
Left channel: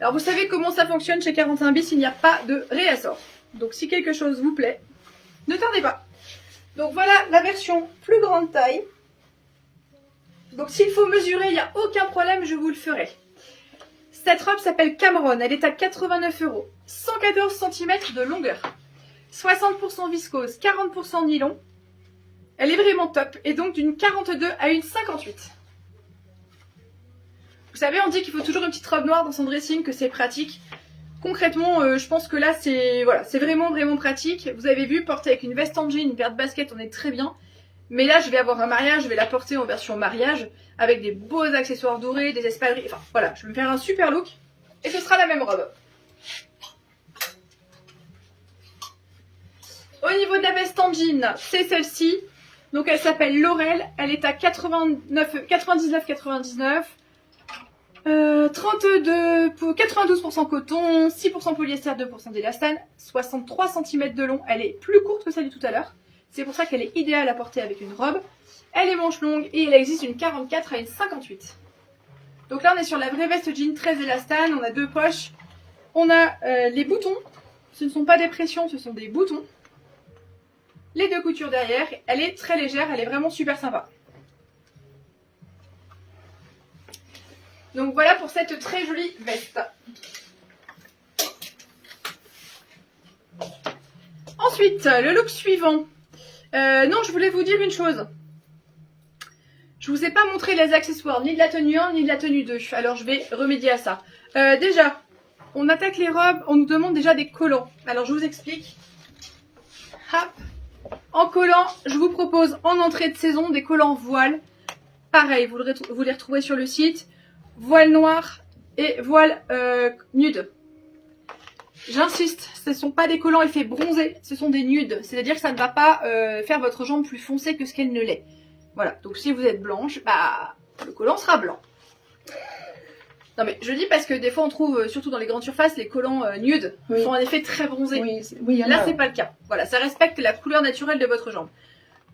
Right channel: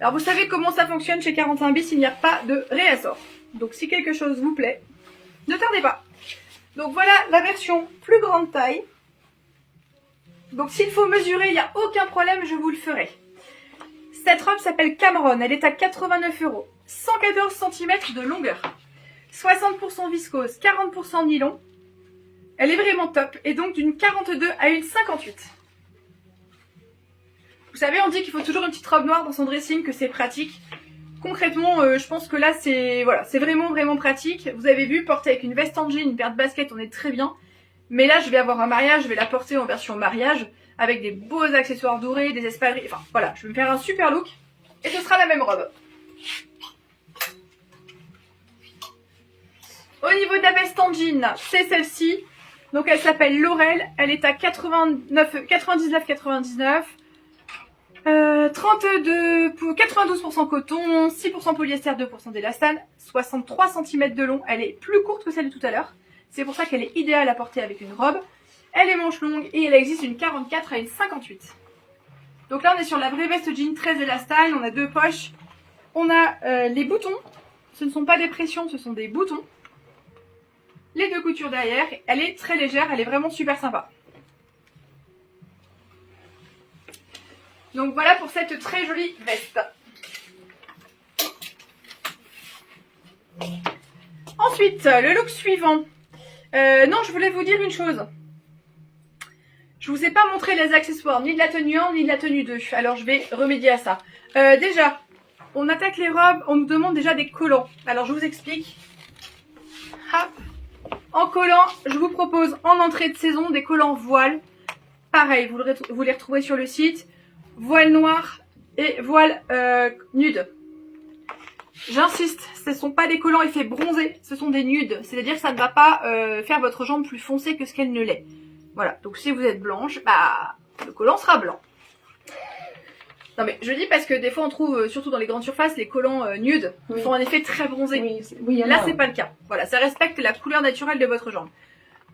Alors, vous savez comment ça fonctionne chez 41 bis, il n'y a pas de réassort. Donc, si quelque chose vous plaît, ne tardez pas. Donc, voilà la version plus grande taille. Donc, s'il faut mesurer, il n'y a aucun problème, je vous le ferai. Cette robe s'appelle Cameron. Elle est à 89 €. 114 cm de longueur. 60% viscose, 40% nylon. Elle est vraiment top. Et donc d'une 42 à une 58. Vous savez, on dit qu'il faut toujours une petite robe noire dans son dressing, que c'est pratique. Concrètement, je pense que là, c'est vraiment, vraiment pratique. Vous avez vu, porter avec une veste en jean, une paire de baskets, on est très bien. Mais là, je vais avoir un mariage, je vais la porter en version mariage, avec des beaux accessoires dorés, des espadrilles. Enfin, voilà, je vais me faire un super look. Et ce sera la même robe. Au niveau de la veste en jean, c'est celle-ci. Donc elle s'appelle Laurel. Elle est à 99,99. 92% coton, 6% polyester, 2% d'élastane, 63 cm de long. Elle est plus courte que celle de tout à l'heure. C'est pour ça qu'elle est idéale à porter avec une robe. Elle est manche longue et elle existe une 44 à une 58. Donc là on est sur la vraie veste jean très élastane. On a 2 poches. On a les boutons. Ce ne sont pas des pressions, ce sont des boutons. Les 2 coutures derrière. Elle est très légère, elle est vraiment super sympa. Donc voilà pour cette très jolie veste. Ensuite, le look suivant. Non, je voulais vous dire une chose. Je vous ai pas montré les accessoires, ni de la tenue 1, ni de la tenue 2. Alors je vais remédier à ça. Déjà, on attaque les robes, on nous demande déjà des collants. Alors je vous explique. Hop. En collant, je vous propose en entrée de saison des collants voile. Pareil, vous les retrouverez sur le site. Voile noir et voile nude. J'insiste, ce ne sont pas des collants effet bronzé, ce sont des nudes. C'est-à-dire que ça ne va pas faire votre jambe plus foncée que ce qu'elle ne l'est. Voilà, donc si vous êtes blanche, bah le collant sera blanc. Non mais je dis parce que des fois on trouve, surtout dans les grandes surfaces, les collants nudes sont en effet très bronzés. Oui, là c'est pas le cas. Voilà, ça respecte la couleur naturelle de votre jambe.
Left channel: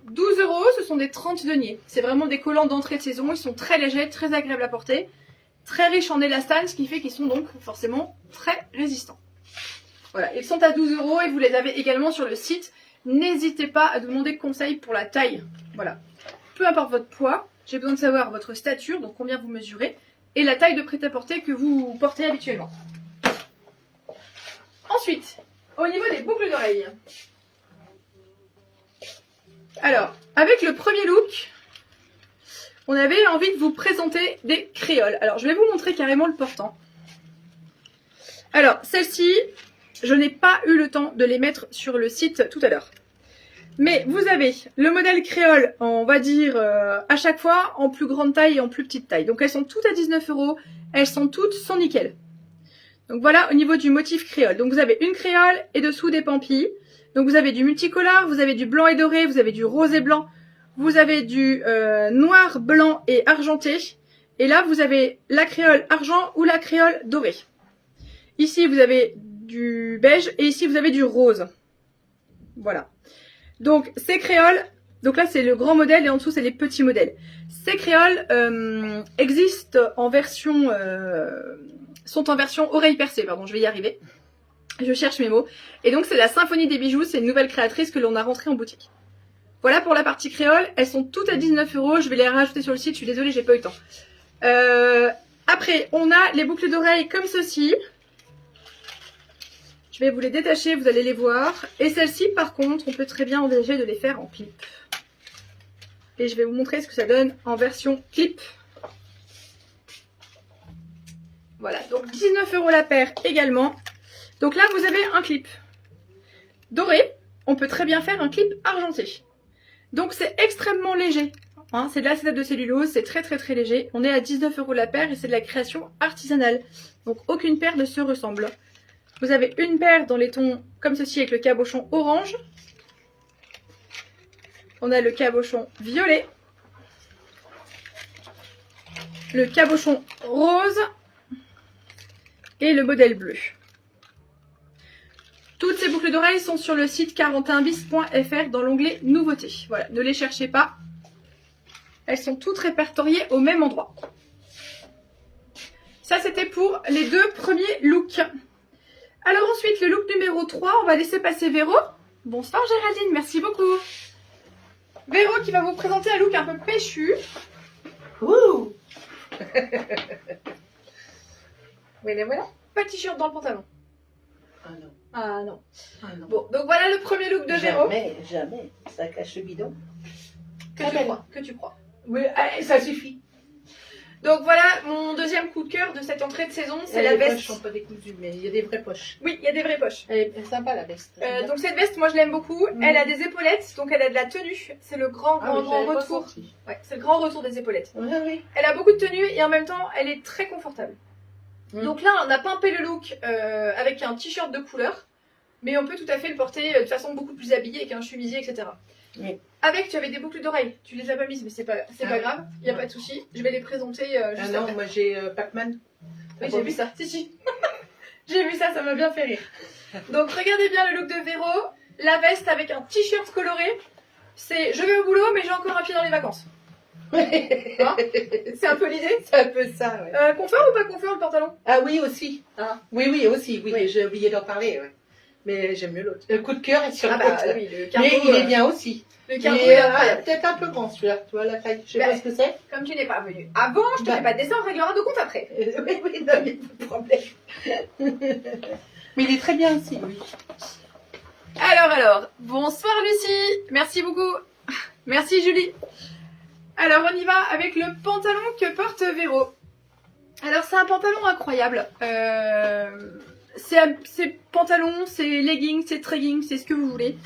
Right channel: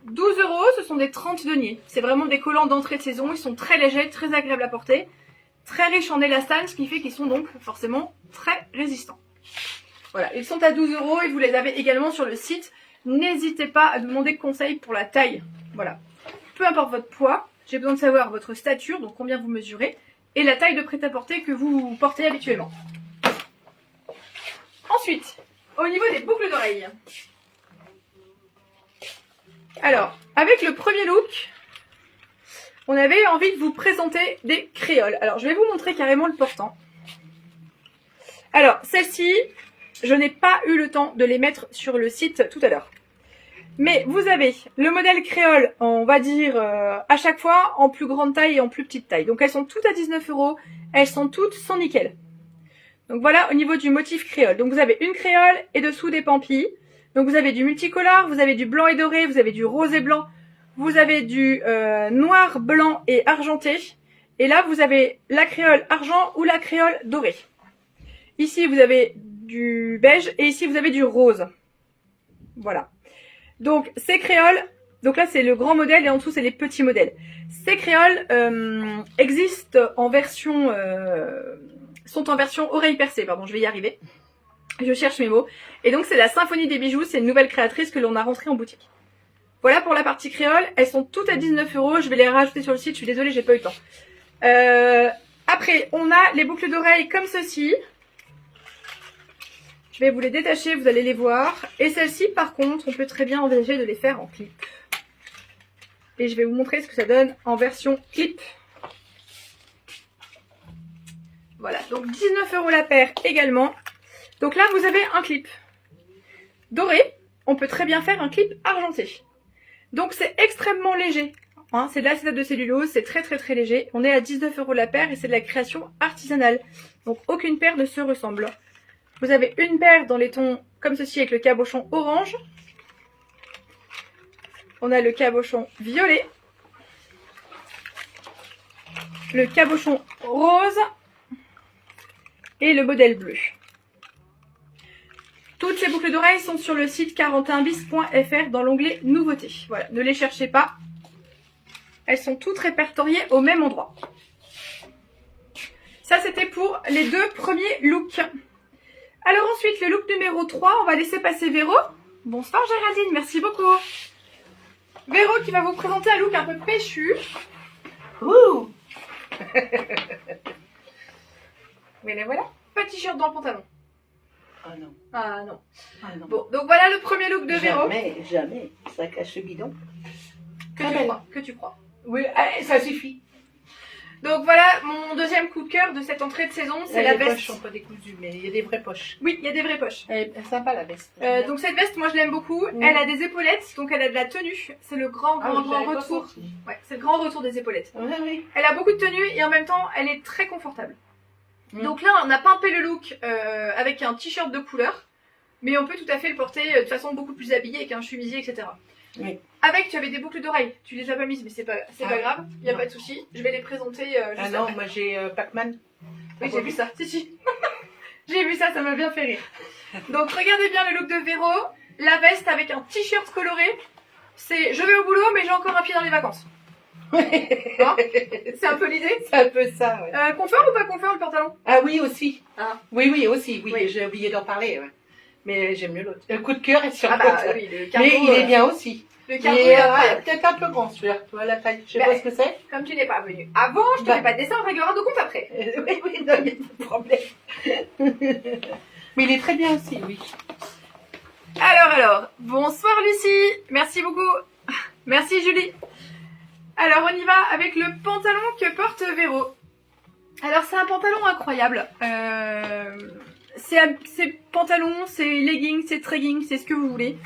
12 €, ce sont des 30 deniers. C'est vraiment des collants d'entrée de saison, ils sont très légers, très agréables à porter. Très riches en élastane, ce qui fait qu'ils sont donc forcément très résistants. Voilà, ils sont à 12 € et vous les avez également sur le site. N'hésitez pas à demander conseil pour la taille. Voilà. peu importe votre poids, j'ai besoin de savoir votre stature, donc combien vous mesurez, et la taille de prêt-à-porter que vous portez habituellement. Ensuite, au niveau des boucles d'oreilles. Alors, avec le premier look, on avait envie de vous présenter des créoles. Alors, je vais vous montrer carrément le portant. Alors, celles-ci, je n'ai pas eu le temps de les mettre sur le site tout à l'heure. Mais vous avez le modèle créole, on va dire, à chaque fois, en plus grande taille et en plus petite taille. Donc, elles sont toutes à 19 €. Elles sont toutes sans nickel. Donc, voilà au niveau du motif créole. Donc, vous avez une créole et dessous des pampilles. Donc, vous avez du multicolore, vous avez du blanc et doré, vous avez du rose et blanc. Vous avez du noir, blanc et argenté. Et là, vous avez la créole argent ou la créole dorée. Ici, vous avez du beige et ici, vous avez du rose. Voilà. Donc, ces créoles, donc là, c'est le grand modèle et en dessous, c'est les petits modèles. Ces créoles existent en version, sont en version oreille percée, pardon, je vais y arriver. Je cherche mes mots. Et donc, c'est la Symphonie des bijoux, c'est une nouvelle créatrice que l'on a rentrée en boutique. Voilà pour la partie créole, elles sont toutes à 19 €, je vais les rajouter sur le site, je suis désolée, j'ai pas eu le temps. Après, on a les boucles d'oreilles comme ceci. Je vais vous les détacher, vous allez les voir. Et celles-ci, par contre, on peut très bien envisager de les faire en clip. Et je vais vous montrer ce que ça donne en version clip. Voilà, donc 19 € la paire également. Donc là, vous avez un clip doré. On peut très bien faire un clip argenté. Donc c'est extrêmement léger. Hein, c'est de l'acétate de cellulose, c'est très très très léger. On est à 19 € la paire et c'est de la création artisanale. Donc aucune paire ne se ressemble. Vous avez une paire dans les tons comme ceci avec le cabochon orange. On a le cabochon violet. Le cabochon rose. Et le modèle bleu. Toutes ces boucles d'oreilles sont sur le site 41bis.fr dans l'onglet nouveautés. Voilà, ne les cherchez pas. Elles sont toutes répertoriées au même endroit. Ça, c'était pour les deux premiers looks. Alors ensuite, le look numéro 3, on va laisser passer Véro. Bonsoir Géraldine, merci beaucoup. Véro qui va vous présenter un look un peu péchu. Ouh. Oui, les voilà. Pas de t-shirt dans le pantalon. Ah non. Ah non. Ah non. Bon, donc voilà le premier look de Véro. Jamais, jamais. Ça cache le bidon. Que tu crois. Oui, allez, ça suffit. Donc voilà mon deuxième coup de cœur de cette entrée de saison, c'est la veste. Les poches sont pas décousues, mais il y a des vraies poches. Oui, il y a des vraies poches. Elle est sympa la veste. Donc cette veste, moi je l'aime beaucoup. Elle a des épaulettes, donc elle a de la tenue. C'est le grand retour. Ouais, c'est le grand retour des épaulettes. Oui, oui. Elle a beaucoup de tenue et en même temps, elle est très confortable. Donc là, on a pimpé le look avec un t-shirt de couleur, mais on peut tout à fait le porter de façon beaucoup plus habillée avec un chemisier, etc. Oui. Avec, tu avais des boucles d'oreilles. Tu les as pas mises, mais c'est pas grave. Il n'y a pas de souci. Je vais les présenter juste non, après. moi j'ai Pac-Man. Oui, j'ai vu ça. Si. J'ai vu ça, ça m'a bien fait rire. Donc, regardez bien le look de Véro. La veste avec un t-shirt coloré. C'est je vais au boulot, mais j'ai encore un pied dans les vacances. Hein, c'est un peu l'idée. C'est un peu ça, ouais. Confort ou pas confort le pantalon? Ah oui, aussi. Ah. Oui, aussi. Oui. Oui. J'ai oublié d'en parler. Ouais. Mais j'aime mieux l'autre. Le coup de cœur est sur l'autre. Oui, le cargo, mais il est bien aussi. Le cargo est incroyable. Peut-être un peu grand celui-là. Tu vois la taille. Je sais pas ce que c'est. Comme tu n'es pas venu avant, je te fais pas de dessin, on réglera nos comptes après. Oui, non, il n'y a pas de problème. Mais il est très bien aussi, oui. Alors, bonsoir Lucie, merci beaucoup. Merci Julie. Alors on y va avec le pantalon que porte Véro. Alors c'est un pantalon incroyable. C'est pantalon, c'est legging, c'est trekking, c'est ce que vous voulez.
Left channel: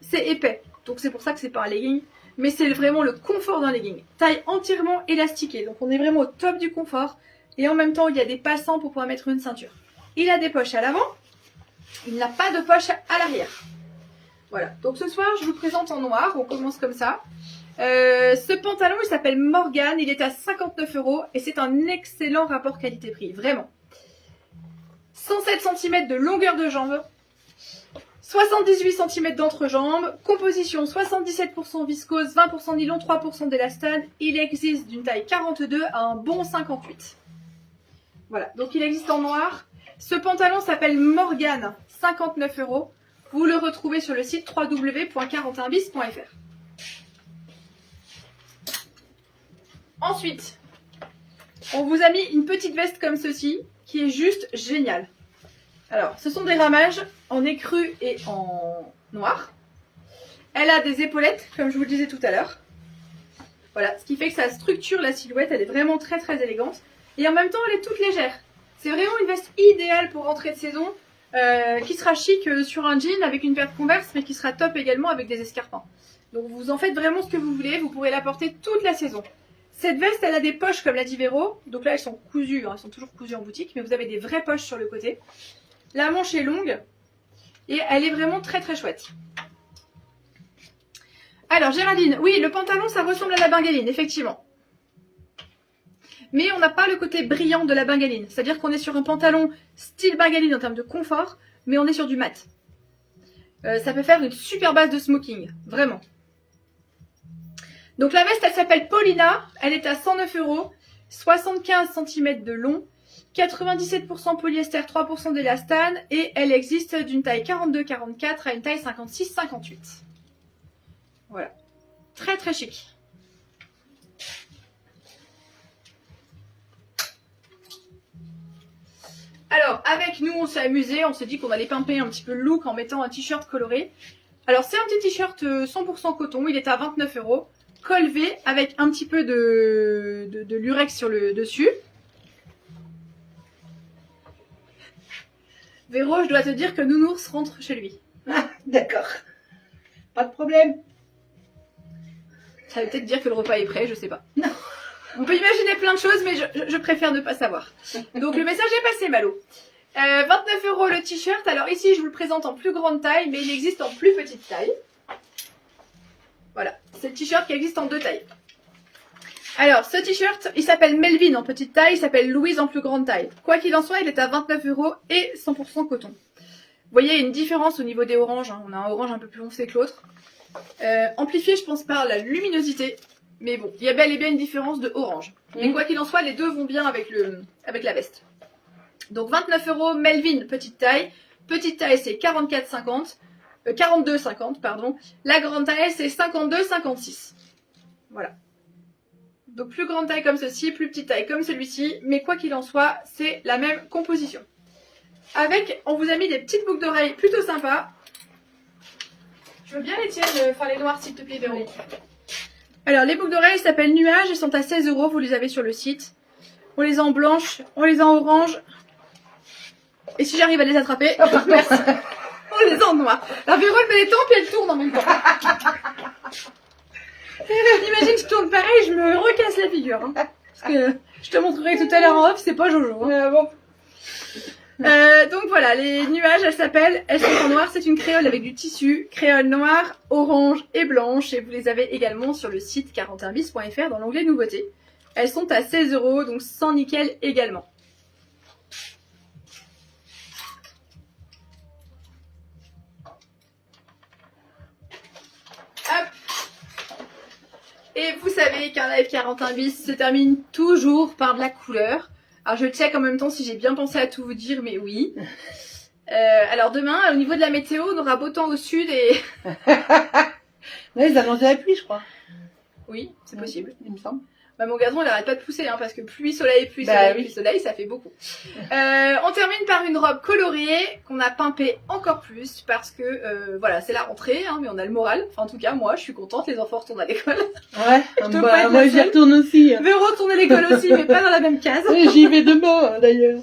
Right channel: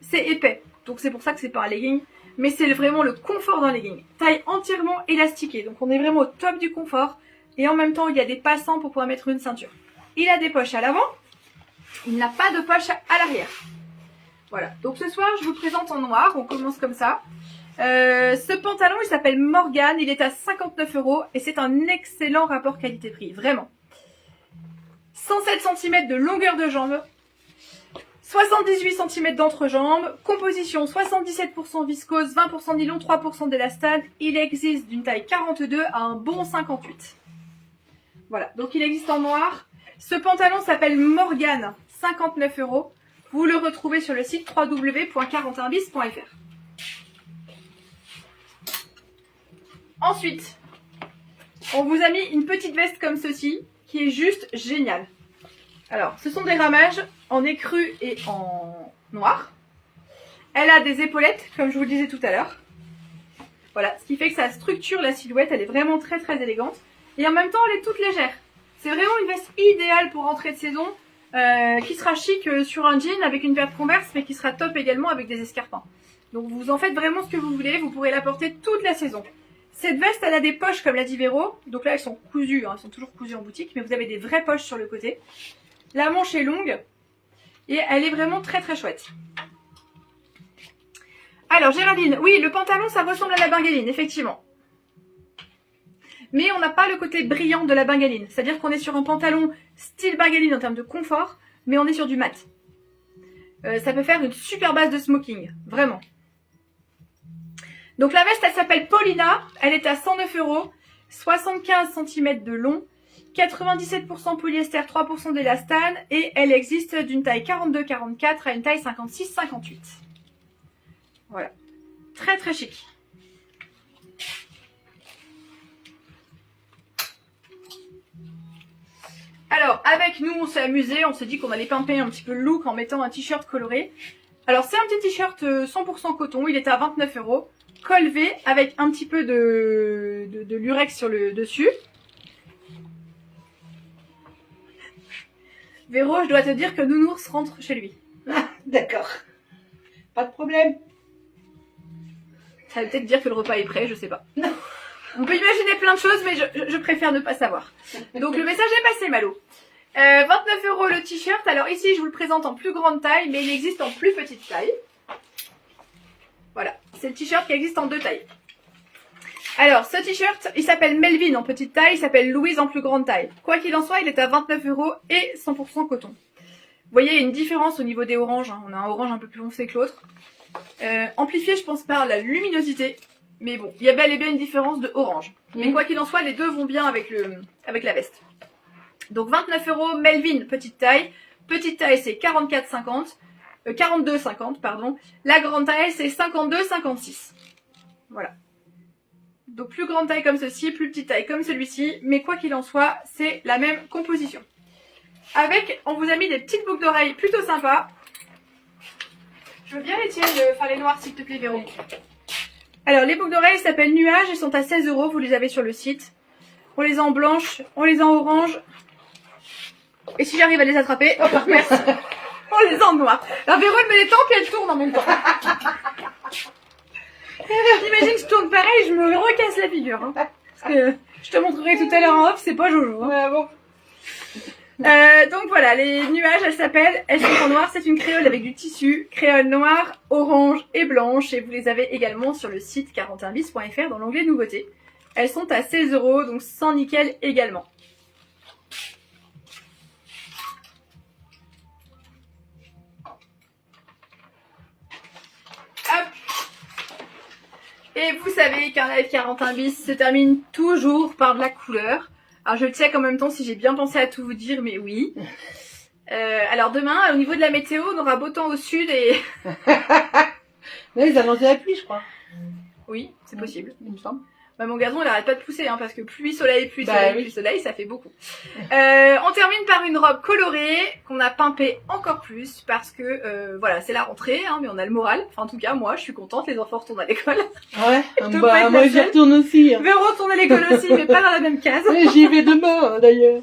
C'est épais, donc c'est pour ça que c'est pas un legging. Mais c'est vraiment le confort d'un legging. Taille entièrement élastiquée, donc on est vraiment au top du confort. Et en même temps, il y a des passants pour pouvoir mettre une ceinture. Il a des poches à l'avant. Il n'a pas de poche à l'arrière. Voilà, donc ce soir, je vous présente en noir. On commence comme ça. Ce pantalon, il s'appelle Morgane. Il est à 59 € et c'est un excellent rapport qualité-prix, vraiment. 107 cm de longueur de jambe. 78 cm d'entrejambe, composition 77% viscose, 20% nylon, 3% d'élastane. Il existe d'une taille 42 à un bon 58. Voilà, donc il existe en noir. Ce pantalon s'appelle Morgane, 59 €. Vous le retrouvez sur le site www.41bis.fr. Ensuite, on vous a mis une petite veste comme ceci, qui est juste géniale. Alors, ce sont des ramages en écru et en noir. Elle a des épaulettes, comme je vous le disais tout à l'heure. Voilà, ce qui fait que ça structure la silhouette, elle est vraiment très très élégante. Et en même temps, elle est toute légère. C'est vraiment une veste idéale pour rentrer de saison, qui sera chic sur un jean avec une paire de Converse, mais qui sera top également avec des escarpins. Donc vous en faites vraiment ce que vous voulez, vous pourrez la porter toute la saison. Cette veste, elle a des poches comme l'a dit Véro. Donc là, elles sont cousues, hein, elles sont toujours cousues en boutique, mais vous avez des vraies poches sur le côté. La manche est longue et elle est vraiment très très chouette. Alors Géraldine, oui, le pantalon, ça ressemble à la bengaline, effectivement. Mais on n'a pas le côté brillant de la bengaline. C'est-à-dire qu'on est sur un pantalon style bengaline en termes de confort, mais on est sur du mat. Ça peut faire une super base de smoking, vraiment. Donc la veste, elle s'appelle Paulina, elle est à 109 €, 75 cm de long, 97% polyester, 3% d'élastane et elle existe d'une taille 42-44 à une taille 56-58. Voilà, très très chic. Alors avec nous on s'est amusé, on s'est dit qu'on allait pimper un petit peu le look en mettant un t-shirt coloré. Alors c'est un petit t-shirt 100% coton, il est à 29 €. Col V avec un petit peu de lurex sur le dessus. Véro, je dois te dire que Nounours rentre chez lui. Ah, d'accord. Pas de problème. Ça veut peut-être dire que le repas est prêt, je sais pas. Non. On peut imaginer plein de choses, mais je préfère ne pas savoir. Donc le message est passé, Malo. 29 € le t-shirt. Alors ici, je vous le présente en plus grande taille, mais il existe en plus petite taille. Voilà, c'est le t-shirt qui existe en 2 tailles. Alors, ce t-shirt, il s'appelle Melvin en petite taille, il s'appelle Louise en plus grande taille. Quoi qu'il en soit, il est à 29 € et 100% coton. Vous voyez, il y a une différence au niveau des oranges. Hein. On a un orange un peu plus foncé que l'autre. Amplifié, je pense, par la luminosité. Mais bon, il y a bel et bien une différence de orange. Et quoi qu'il en soit, les deux vont bien avec la veste. Donc 29 € Melvin, petite taille. Petite taille, c'est 42,50 pardon. La grande taille, c'est 52,56. Voilà. Donc plus grande taille comme ceci, plus petite taille comme celui-ci. Mais quoi qu'il en soit, c'est la même composition. Avec, on vous a mis des petites boucles d'oreilles plutôt sympas. Je veux bien les tiennes, enfin les noires s'il te plaît, Véro. Alors les boucles d'oreilles s'appellent Nuages, elles sont à 16 €, vous les avez sur le site. On les a en blanche, on les a en orange. Et si j'arrive à les attraper, oh merci. On les a en noir. Alors Véro elle met les temps puis elle tourne en même temps. Imagine je tourne pareil, je me recasse la figure. Hein. Parce que je te montrerai tout à l'heure en off, c'est pas Jojo. Hein. Bon. Donc voilà, les nuages, elles sont en noir, c'est une créole avec du tissu, créole noir, orange et blanche, et vous les avez également sur le site 41bis.fr dans l'onglet nouveautés. Elles sont à 16 €, donc sans nickel également. Hop. Et vous savez qu'un live 41 bis se termine toujours par de la couleur. Alors je check en même temps si j'ai bien pensé à tout vous dire, mais oui. Alors demain, au niveau de la météo, on aura beau temps au sud et... Là, ils annoncent la pluie, je crois. Oui, c'est possible. Il me semble. Bah, mon gazon, il arrête pas de pousser, hein, parce que pluie, soleil, ça fait beaucoup. On termine par une robe colorée qu'on a pimpée encore plus parce que, voilà, c'est la rentrée, hein, mais on a le moral. Enfin, en tout cas, moi, je suis contente, les enfants retournent à l'école. Ouais, bah, moi j'y retourne aussi. Hein. Véro retourne à l'école aussi, mais pas dans la même case. J'y vais demain, d'ailleurs.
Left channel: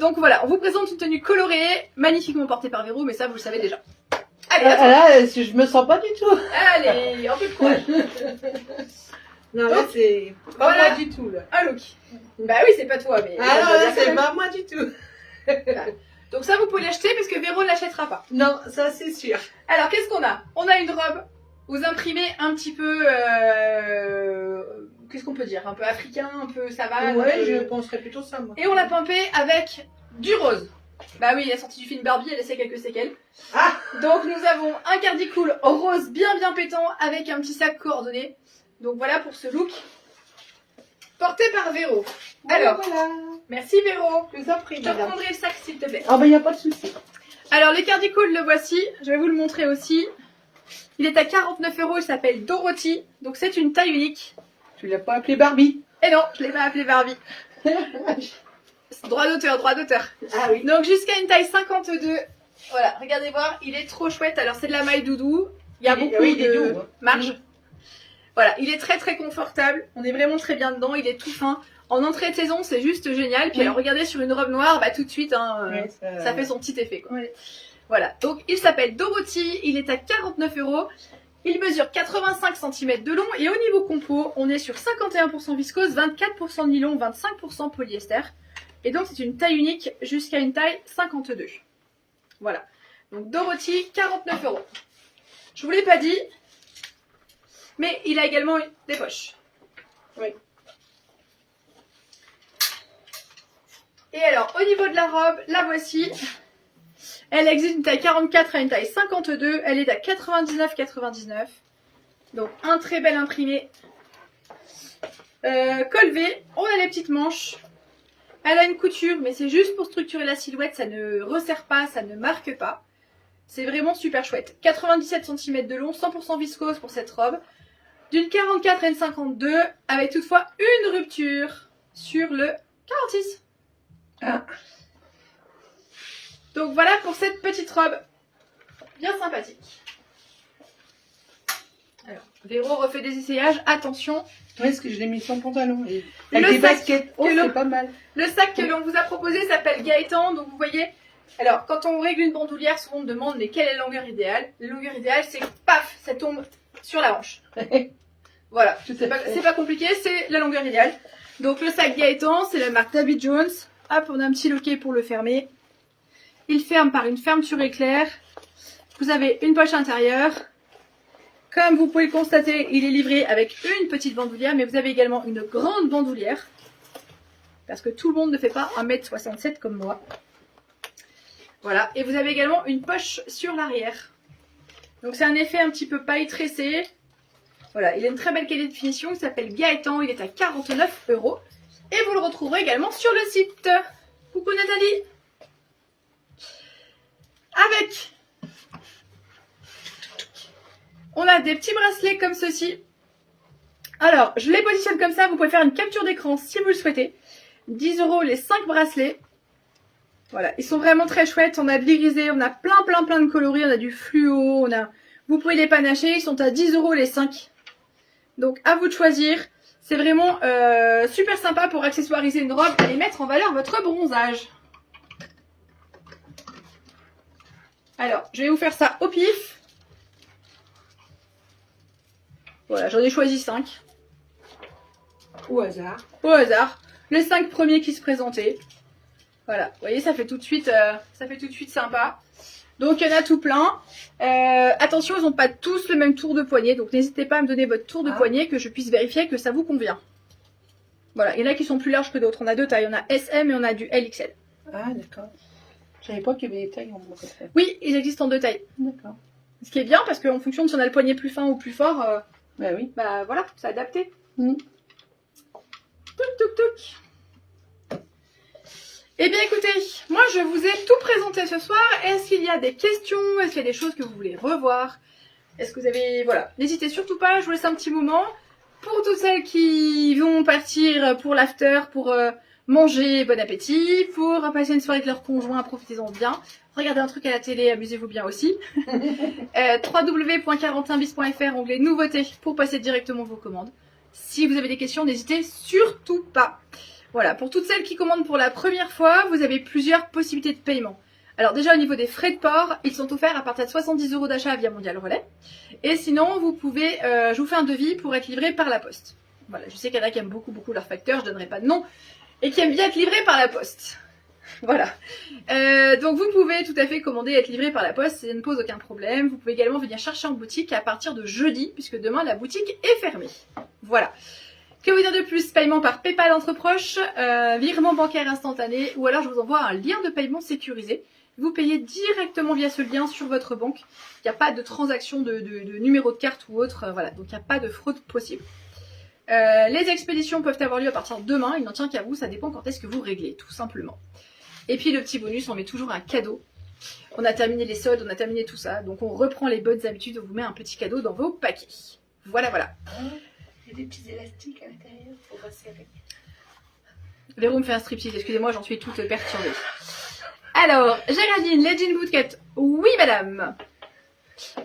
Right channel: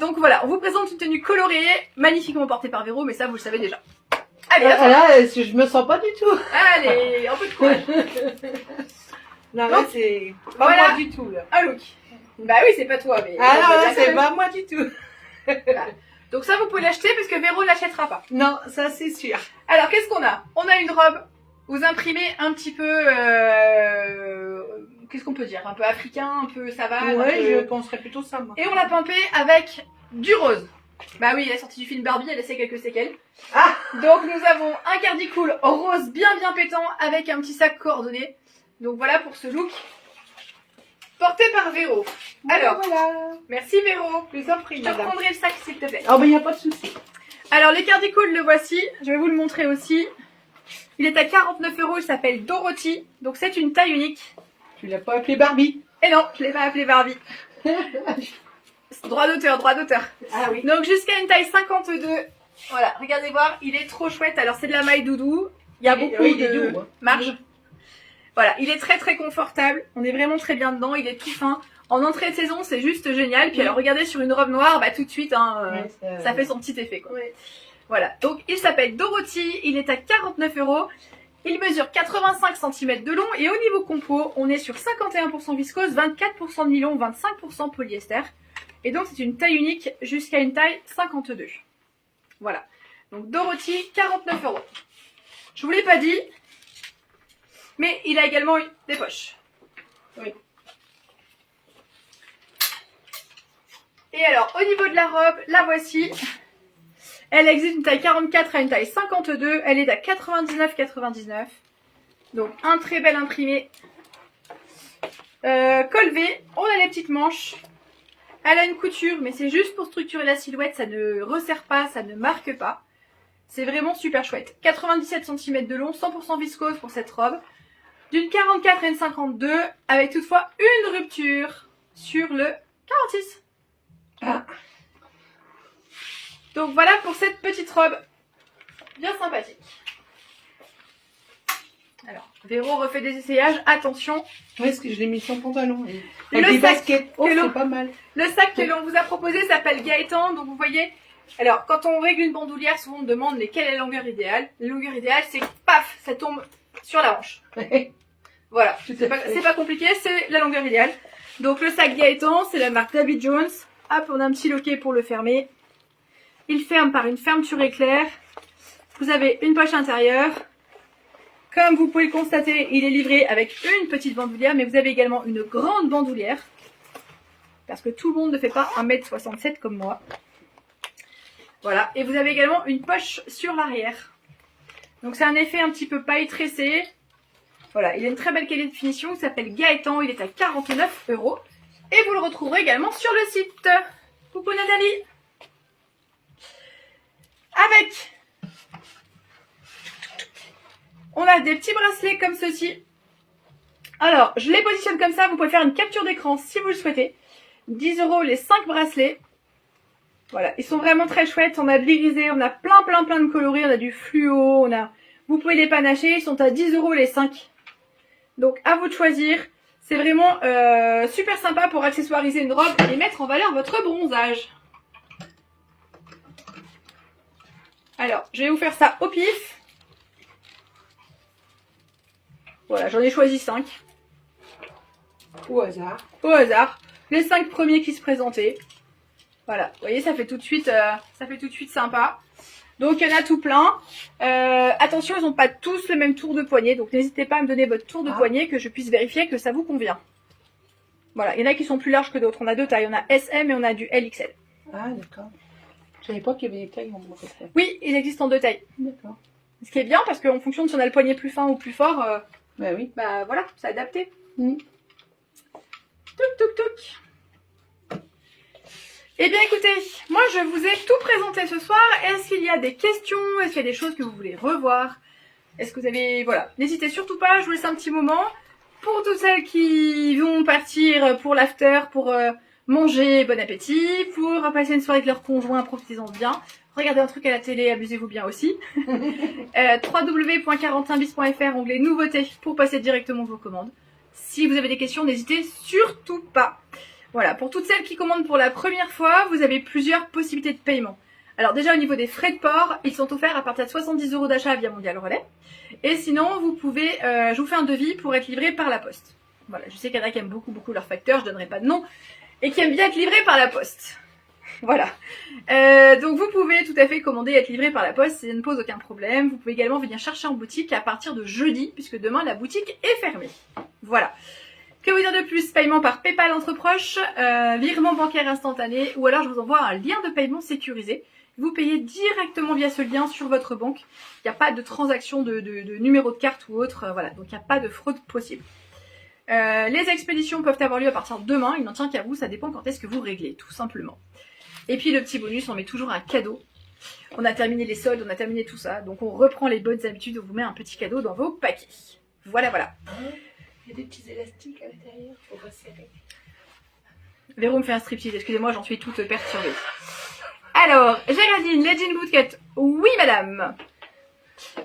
Donc voilà, on vous présente une tenue colorée, magnifiquement portée par Véro, mais ça, vous le savez déjà. Allez, là, je me sens pas du tout. Allez, un peu de courage. Non, là, c'est pas voilà. moi du tout, là. Un look. Bah oui, c'est pas toi, mais... Ah non, là, c'est pas moi du tout. Voilà. Donc ça, vous pouvez l'acheter parce que Véro ne l'achètera pas. Non, ça, c'est sûr. Alors, qu'est-ce qu'on a? On a une robe, vous imprimez un petit peu... qu'est-ce qu'on peut dire? Un peu africain, un peu savane. Ouais, je penserais plutôt ça, moi. Et on l'a pimpée avec du rose. Bah oui, elle est sortie du film Barbie, elle a laissé quelques séquelles. Ah. Donc nous avons un cardicool rose bien pétant avec un petit sac coordonné. Donc voilà pour ce look porté par Véro. Alors, voilà. Merci Véro. Je vous en prie, Je te prendrai le sac s'il te plaît. Oh, ben, il n'y a pas de souci. Alors, les cardicools, le voici. Je vais vous le montrer aussi. Il est à 49 €, il s'appelle Dorothy. Donc c'est une taille unique. Tu l'as pas appelé Barbie? Et non, je l'ai pas appelé Barbie. Droit d'auteur, droit d'auteur. Ah oui. Donc jusqu'à une taille 52. Voilà, regardez voir, il est trop chouette. Alors c'est de la maille doudou. Il y a beaucoup il est de doux, hein. marge. Voilà, il est très très confortable. On est vraiment très bien dedans. Il est tout fin. En entrée de saison, c'est juste génial. Puis alors regardez sur une robe noire, bah tout de suite, hein, Ouais, ça fait son petit effet, quoi. Ouais. Voilà, donc il s'appelle Dorothy. Il est à 49 €. Il mesure 85 cm de long et au niveau compo, on est sur 51% viscose, 24% de nylon, 25% polyester. Et donc c'est une taille unique jusqu'à une taille 52. Voilà. Donc Dorothy, 49 €. Je vous l'ai pas dit, mais il a également des poches. Oui. Et alors, au niveau de la robe, la voici. Elle existe une taille 44 à une taille 52. Elle est à 99,99. Donc, un très bel imprimé. Col V. On a les petites manches. Elle a une couture, mais c'est juste pour structurer la silhouette. Ça ne resserre pas, ça ne marque pas. C'est vraiment super chouette. 97 cm de long, 100% viscose pour cette robe. D'une 44 à une 52, avec toutefois une rupture sur le 46. Ah. Donc voilà pour cette petite robe. Bien sympathique. Alors, Véro refait des essayages. Attention. Ouais, parce que je l'ai mis sans pantalon. Et... Avec Le des sac baskets. Oh, que l'on- c'est pas mal. Le sac que l'on vous a proposé s'appelle Gaëtan. Donc vous voyez, alors quand on règle une bandoulière, souvent on demande quelle est la longueur idéale. La longueur idéale, c'est paf, ça tombe sur la hanche. Voilà, Tout à c'est fait. pas compliqué, c'est la longueur idéale. Donc le sac Gaëtan, c'est la marque David Jones. Hop, on a un petit loquet pour le fermer. Il ferme par une fermeture éclair. Vous avez une poche intérieure. Comme vous pouvez le constater, il est livré avec une petite bandoulière, mais vous avez également une grande bandoulière. Parce que tout le monde ne fait pas 1m67 comme moi. Voilà, et vous avez également une poche sur l'arrière. Donc c'est un effet un petit peu paille tressé. Voilà, il a une très belle qualité de finition, il s'appelle Gaëtan, il est à 49 €. Et vous le retrouverez également sur le site. Coucou Nathalie. Avec, on a des petits bracelets comme ceci. Alors, je les positionne comme ça, vous pouvez faire une capture d'écran si vous le souhaitez. 10 € les 5 bracelets. Voilà, ils sont vraiment très chouettes. On a de l'irisé, on a plein de coloris, on a du fluo, vous pouvez les panacher, ils sont à 10 € les 5. Donc à vous de choisir. C'est vraiment super sympa pour accessoiriser une robe et mettre en valeur votre bronzage. Alors, je vais vous faire ça au pif. Voilà, j'en ai choisi 5. Au hasard. Au hasard. Les 5 premiers qui se présentaient. Voilà, vous voyez, ça fait tout de suite sympa. Donc, il y en a tout plein. Attention, ils n'ont pas tous le même tour de poignet. Donc, n'hésitez pas à me donner votre tour de poignet que je puisse vérifier que ça vous convient. Voilà, il y en a qui sont plus larges que d'autres. On a deux tailles. On a SM et on a du LXL. Ah, d'accord. Je savais pas qu'il y avait des tailles en bois comme ça. Oui, ils existent en deux tailles. D'accord. Ce qui est bien parce qu'en fonction de si on a le poignet plus fin ou plus fort, Bah oui. bah voilà, c'est adapté. Mm. Touc, touc, touc. Eh bien écoutez, moi je vous ai tout présenté ce soir. Est-ce qu'il y a des questions? Est-ce qu'il y a des choses que vous voulez revoir? Est-ce que vous avez... Voilà, n'hésitez surtout pas, je vous laisse un petit moment. Pour toutes celles qui vont partir pour l'after, pour manger, bon appétit. Pour passer une soirée avec leur conjoint, profitez-en bien. Regardez un truc à la télé, amusez-vous bien aussi. www.quarantainbis.fr, onglet nouveautés, pour passer directement vos commandes. Si vous avez des questions, n'hésitez surtout pas. Voilà, pour toutes celles qui commandent pour la première fois, vous avez plusieurs possibilités de paiement. Alors déjà au niveau des frais de port, ils sont offerts à partir de 70 € d'achat via Mondial Relais. Et sinon, vous pouvez, je vous fais un devis pour être livré par la poste. Voilà, je sais qu'il y en a qui aiment beaucoup leur facteur, je donnerai pas de nom, et qui aiment bien être livré par la poste. Voilà. Donc vous pouvez tout à fait commander et être livré par la poste, ça ne pose aucun problème. Vous pouvez également venir chercher en boutique à partir de jeudi, puisque demain la boutique est fermée. Voilà. Que vous dire de plus? Paiement par PayPal entre proches, virement bancaire instantané, ou alors je vous envoie un lien de paiement sécurisé. Vous payez directement via ce lien sur votre banque. Il n'y a pas de transaction de numéro de carte ou autre. Voilà, donc il n'y a pas de fraude possible. Les expéditions peuvent avoir lieu à partir de demain. Il n'en tient qu'à vous, ça dépend quand est-ce que vous réglez, tout simplement. Et puis le petit bonus, on met toujours un cadeau. On a terminé les soldes, on a terminé tout ça. Donc on reprend les bonnes habitudes, on vous met un petit cadeau dans vos paquets. Voilà, voilà. Il y a des petits élastiques à l'intérieur pour resserrer. Véro me fait un striptease, excusez-moi, j'en suis toute perturbée. Alors, Géraldine, les jeans bootcut. Oui, madame.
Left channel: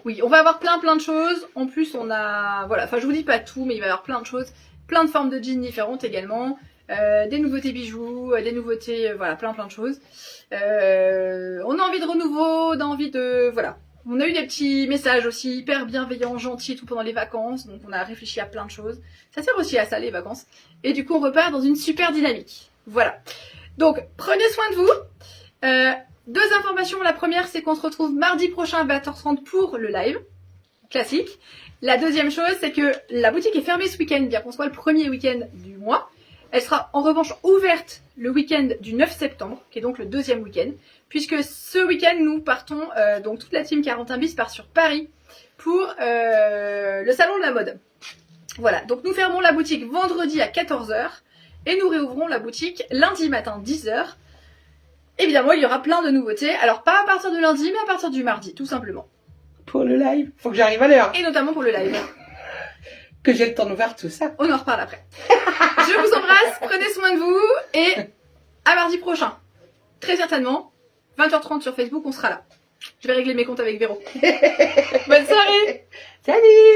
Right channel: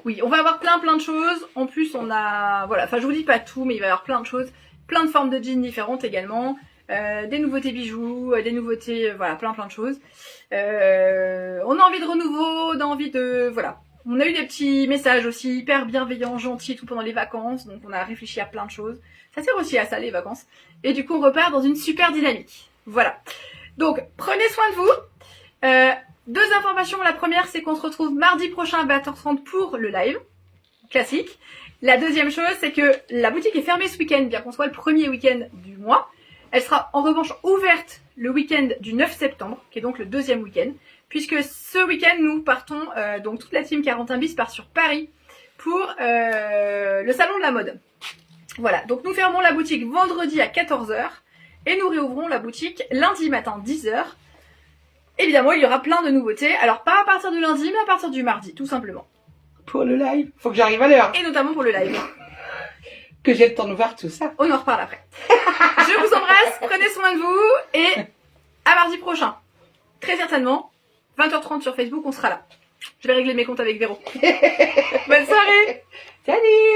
Oui, on va avoir plein de choses. En plus, on a... Voilà, enfin, je vous dis pas tout, mais il va y avoir plein de choses. Plein de formes de jeans différentes également. Des nouveautés bijoux, des nouveautés... voilà, plein de choses. On a envie de renouveau, on a envie de... Voilà. On a eu des petits messages aussi hyper bienveillants, gentils et tout pendant les vacances. Donc, on a réfléchi à plein de choses. Ça sert aussi à ça, les vacances. Et du coup, on repart dans une super dynamique. Voilà. Donc, prenez soin de vous. Deux informations. La première, c'est qu'on se retrouve mardi prochain à 20h30 pour le live. Classique. La deuxième chose, c'est que la boutique est fermée ce week-end, bien qu'on soit le premier week-end du mois. Elle sera en revanche ouverte le week-end du 9 septembre, qui est donc le deuxième week-end. Puisque ce week-end, nous partons, donc toute la team 41 bis part sur Paris pour le salon de la mode. Voilà, donc nous fermons la boutique vendredi à 14h et nous réouvrons la boutique lundi matin 10h. Évidemment, il y aura plein de nouveautés. Alors, pas à partir de lundi, mais à partir du mardi, tout simplement. Pour le live, faut que j'arrive à l'heure. Et notamment pour le live. Que j'ai le temps de voir tout ça. On en reparle après. Je vous embrasse, prenez soin de vous et à mardi prochain. Très certainement, 20h30 sur Facebook, on sera là. Je vais régler mes comptes avec Véro. Bonne soirée. Salut.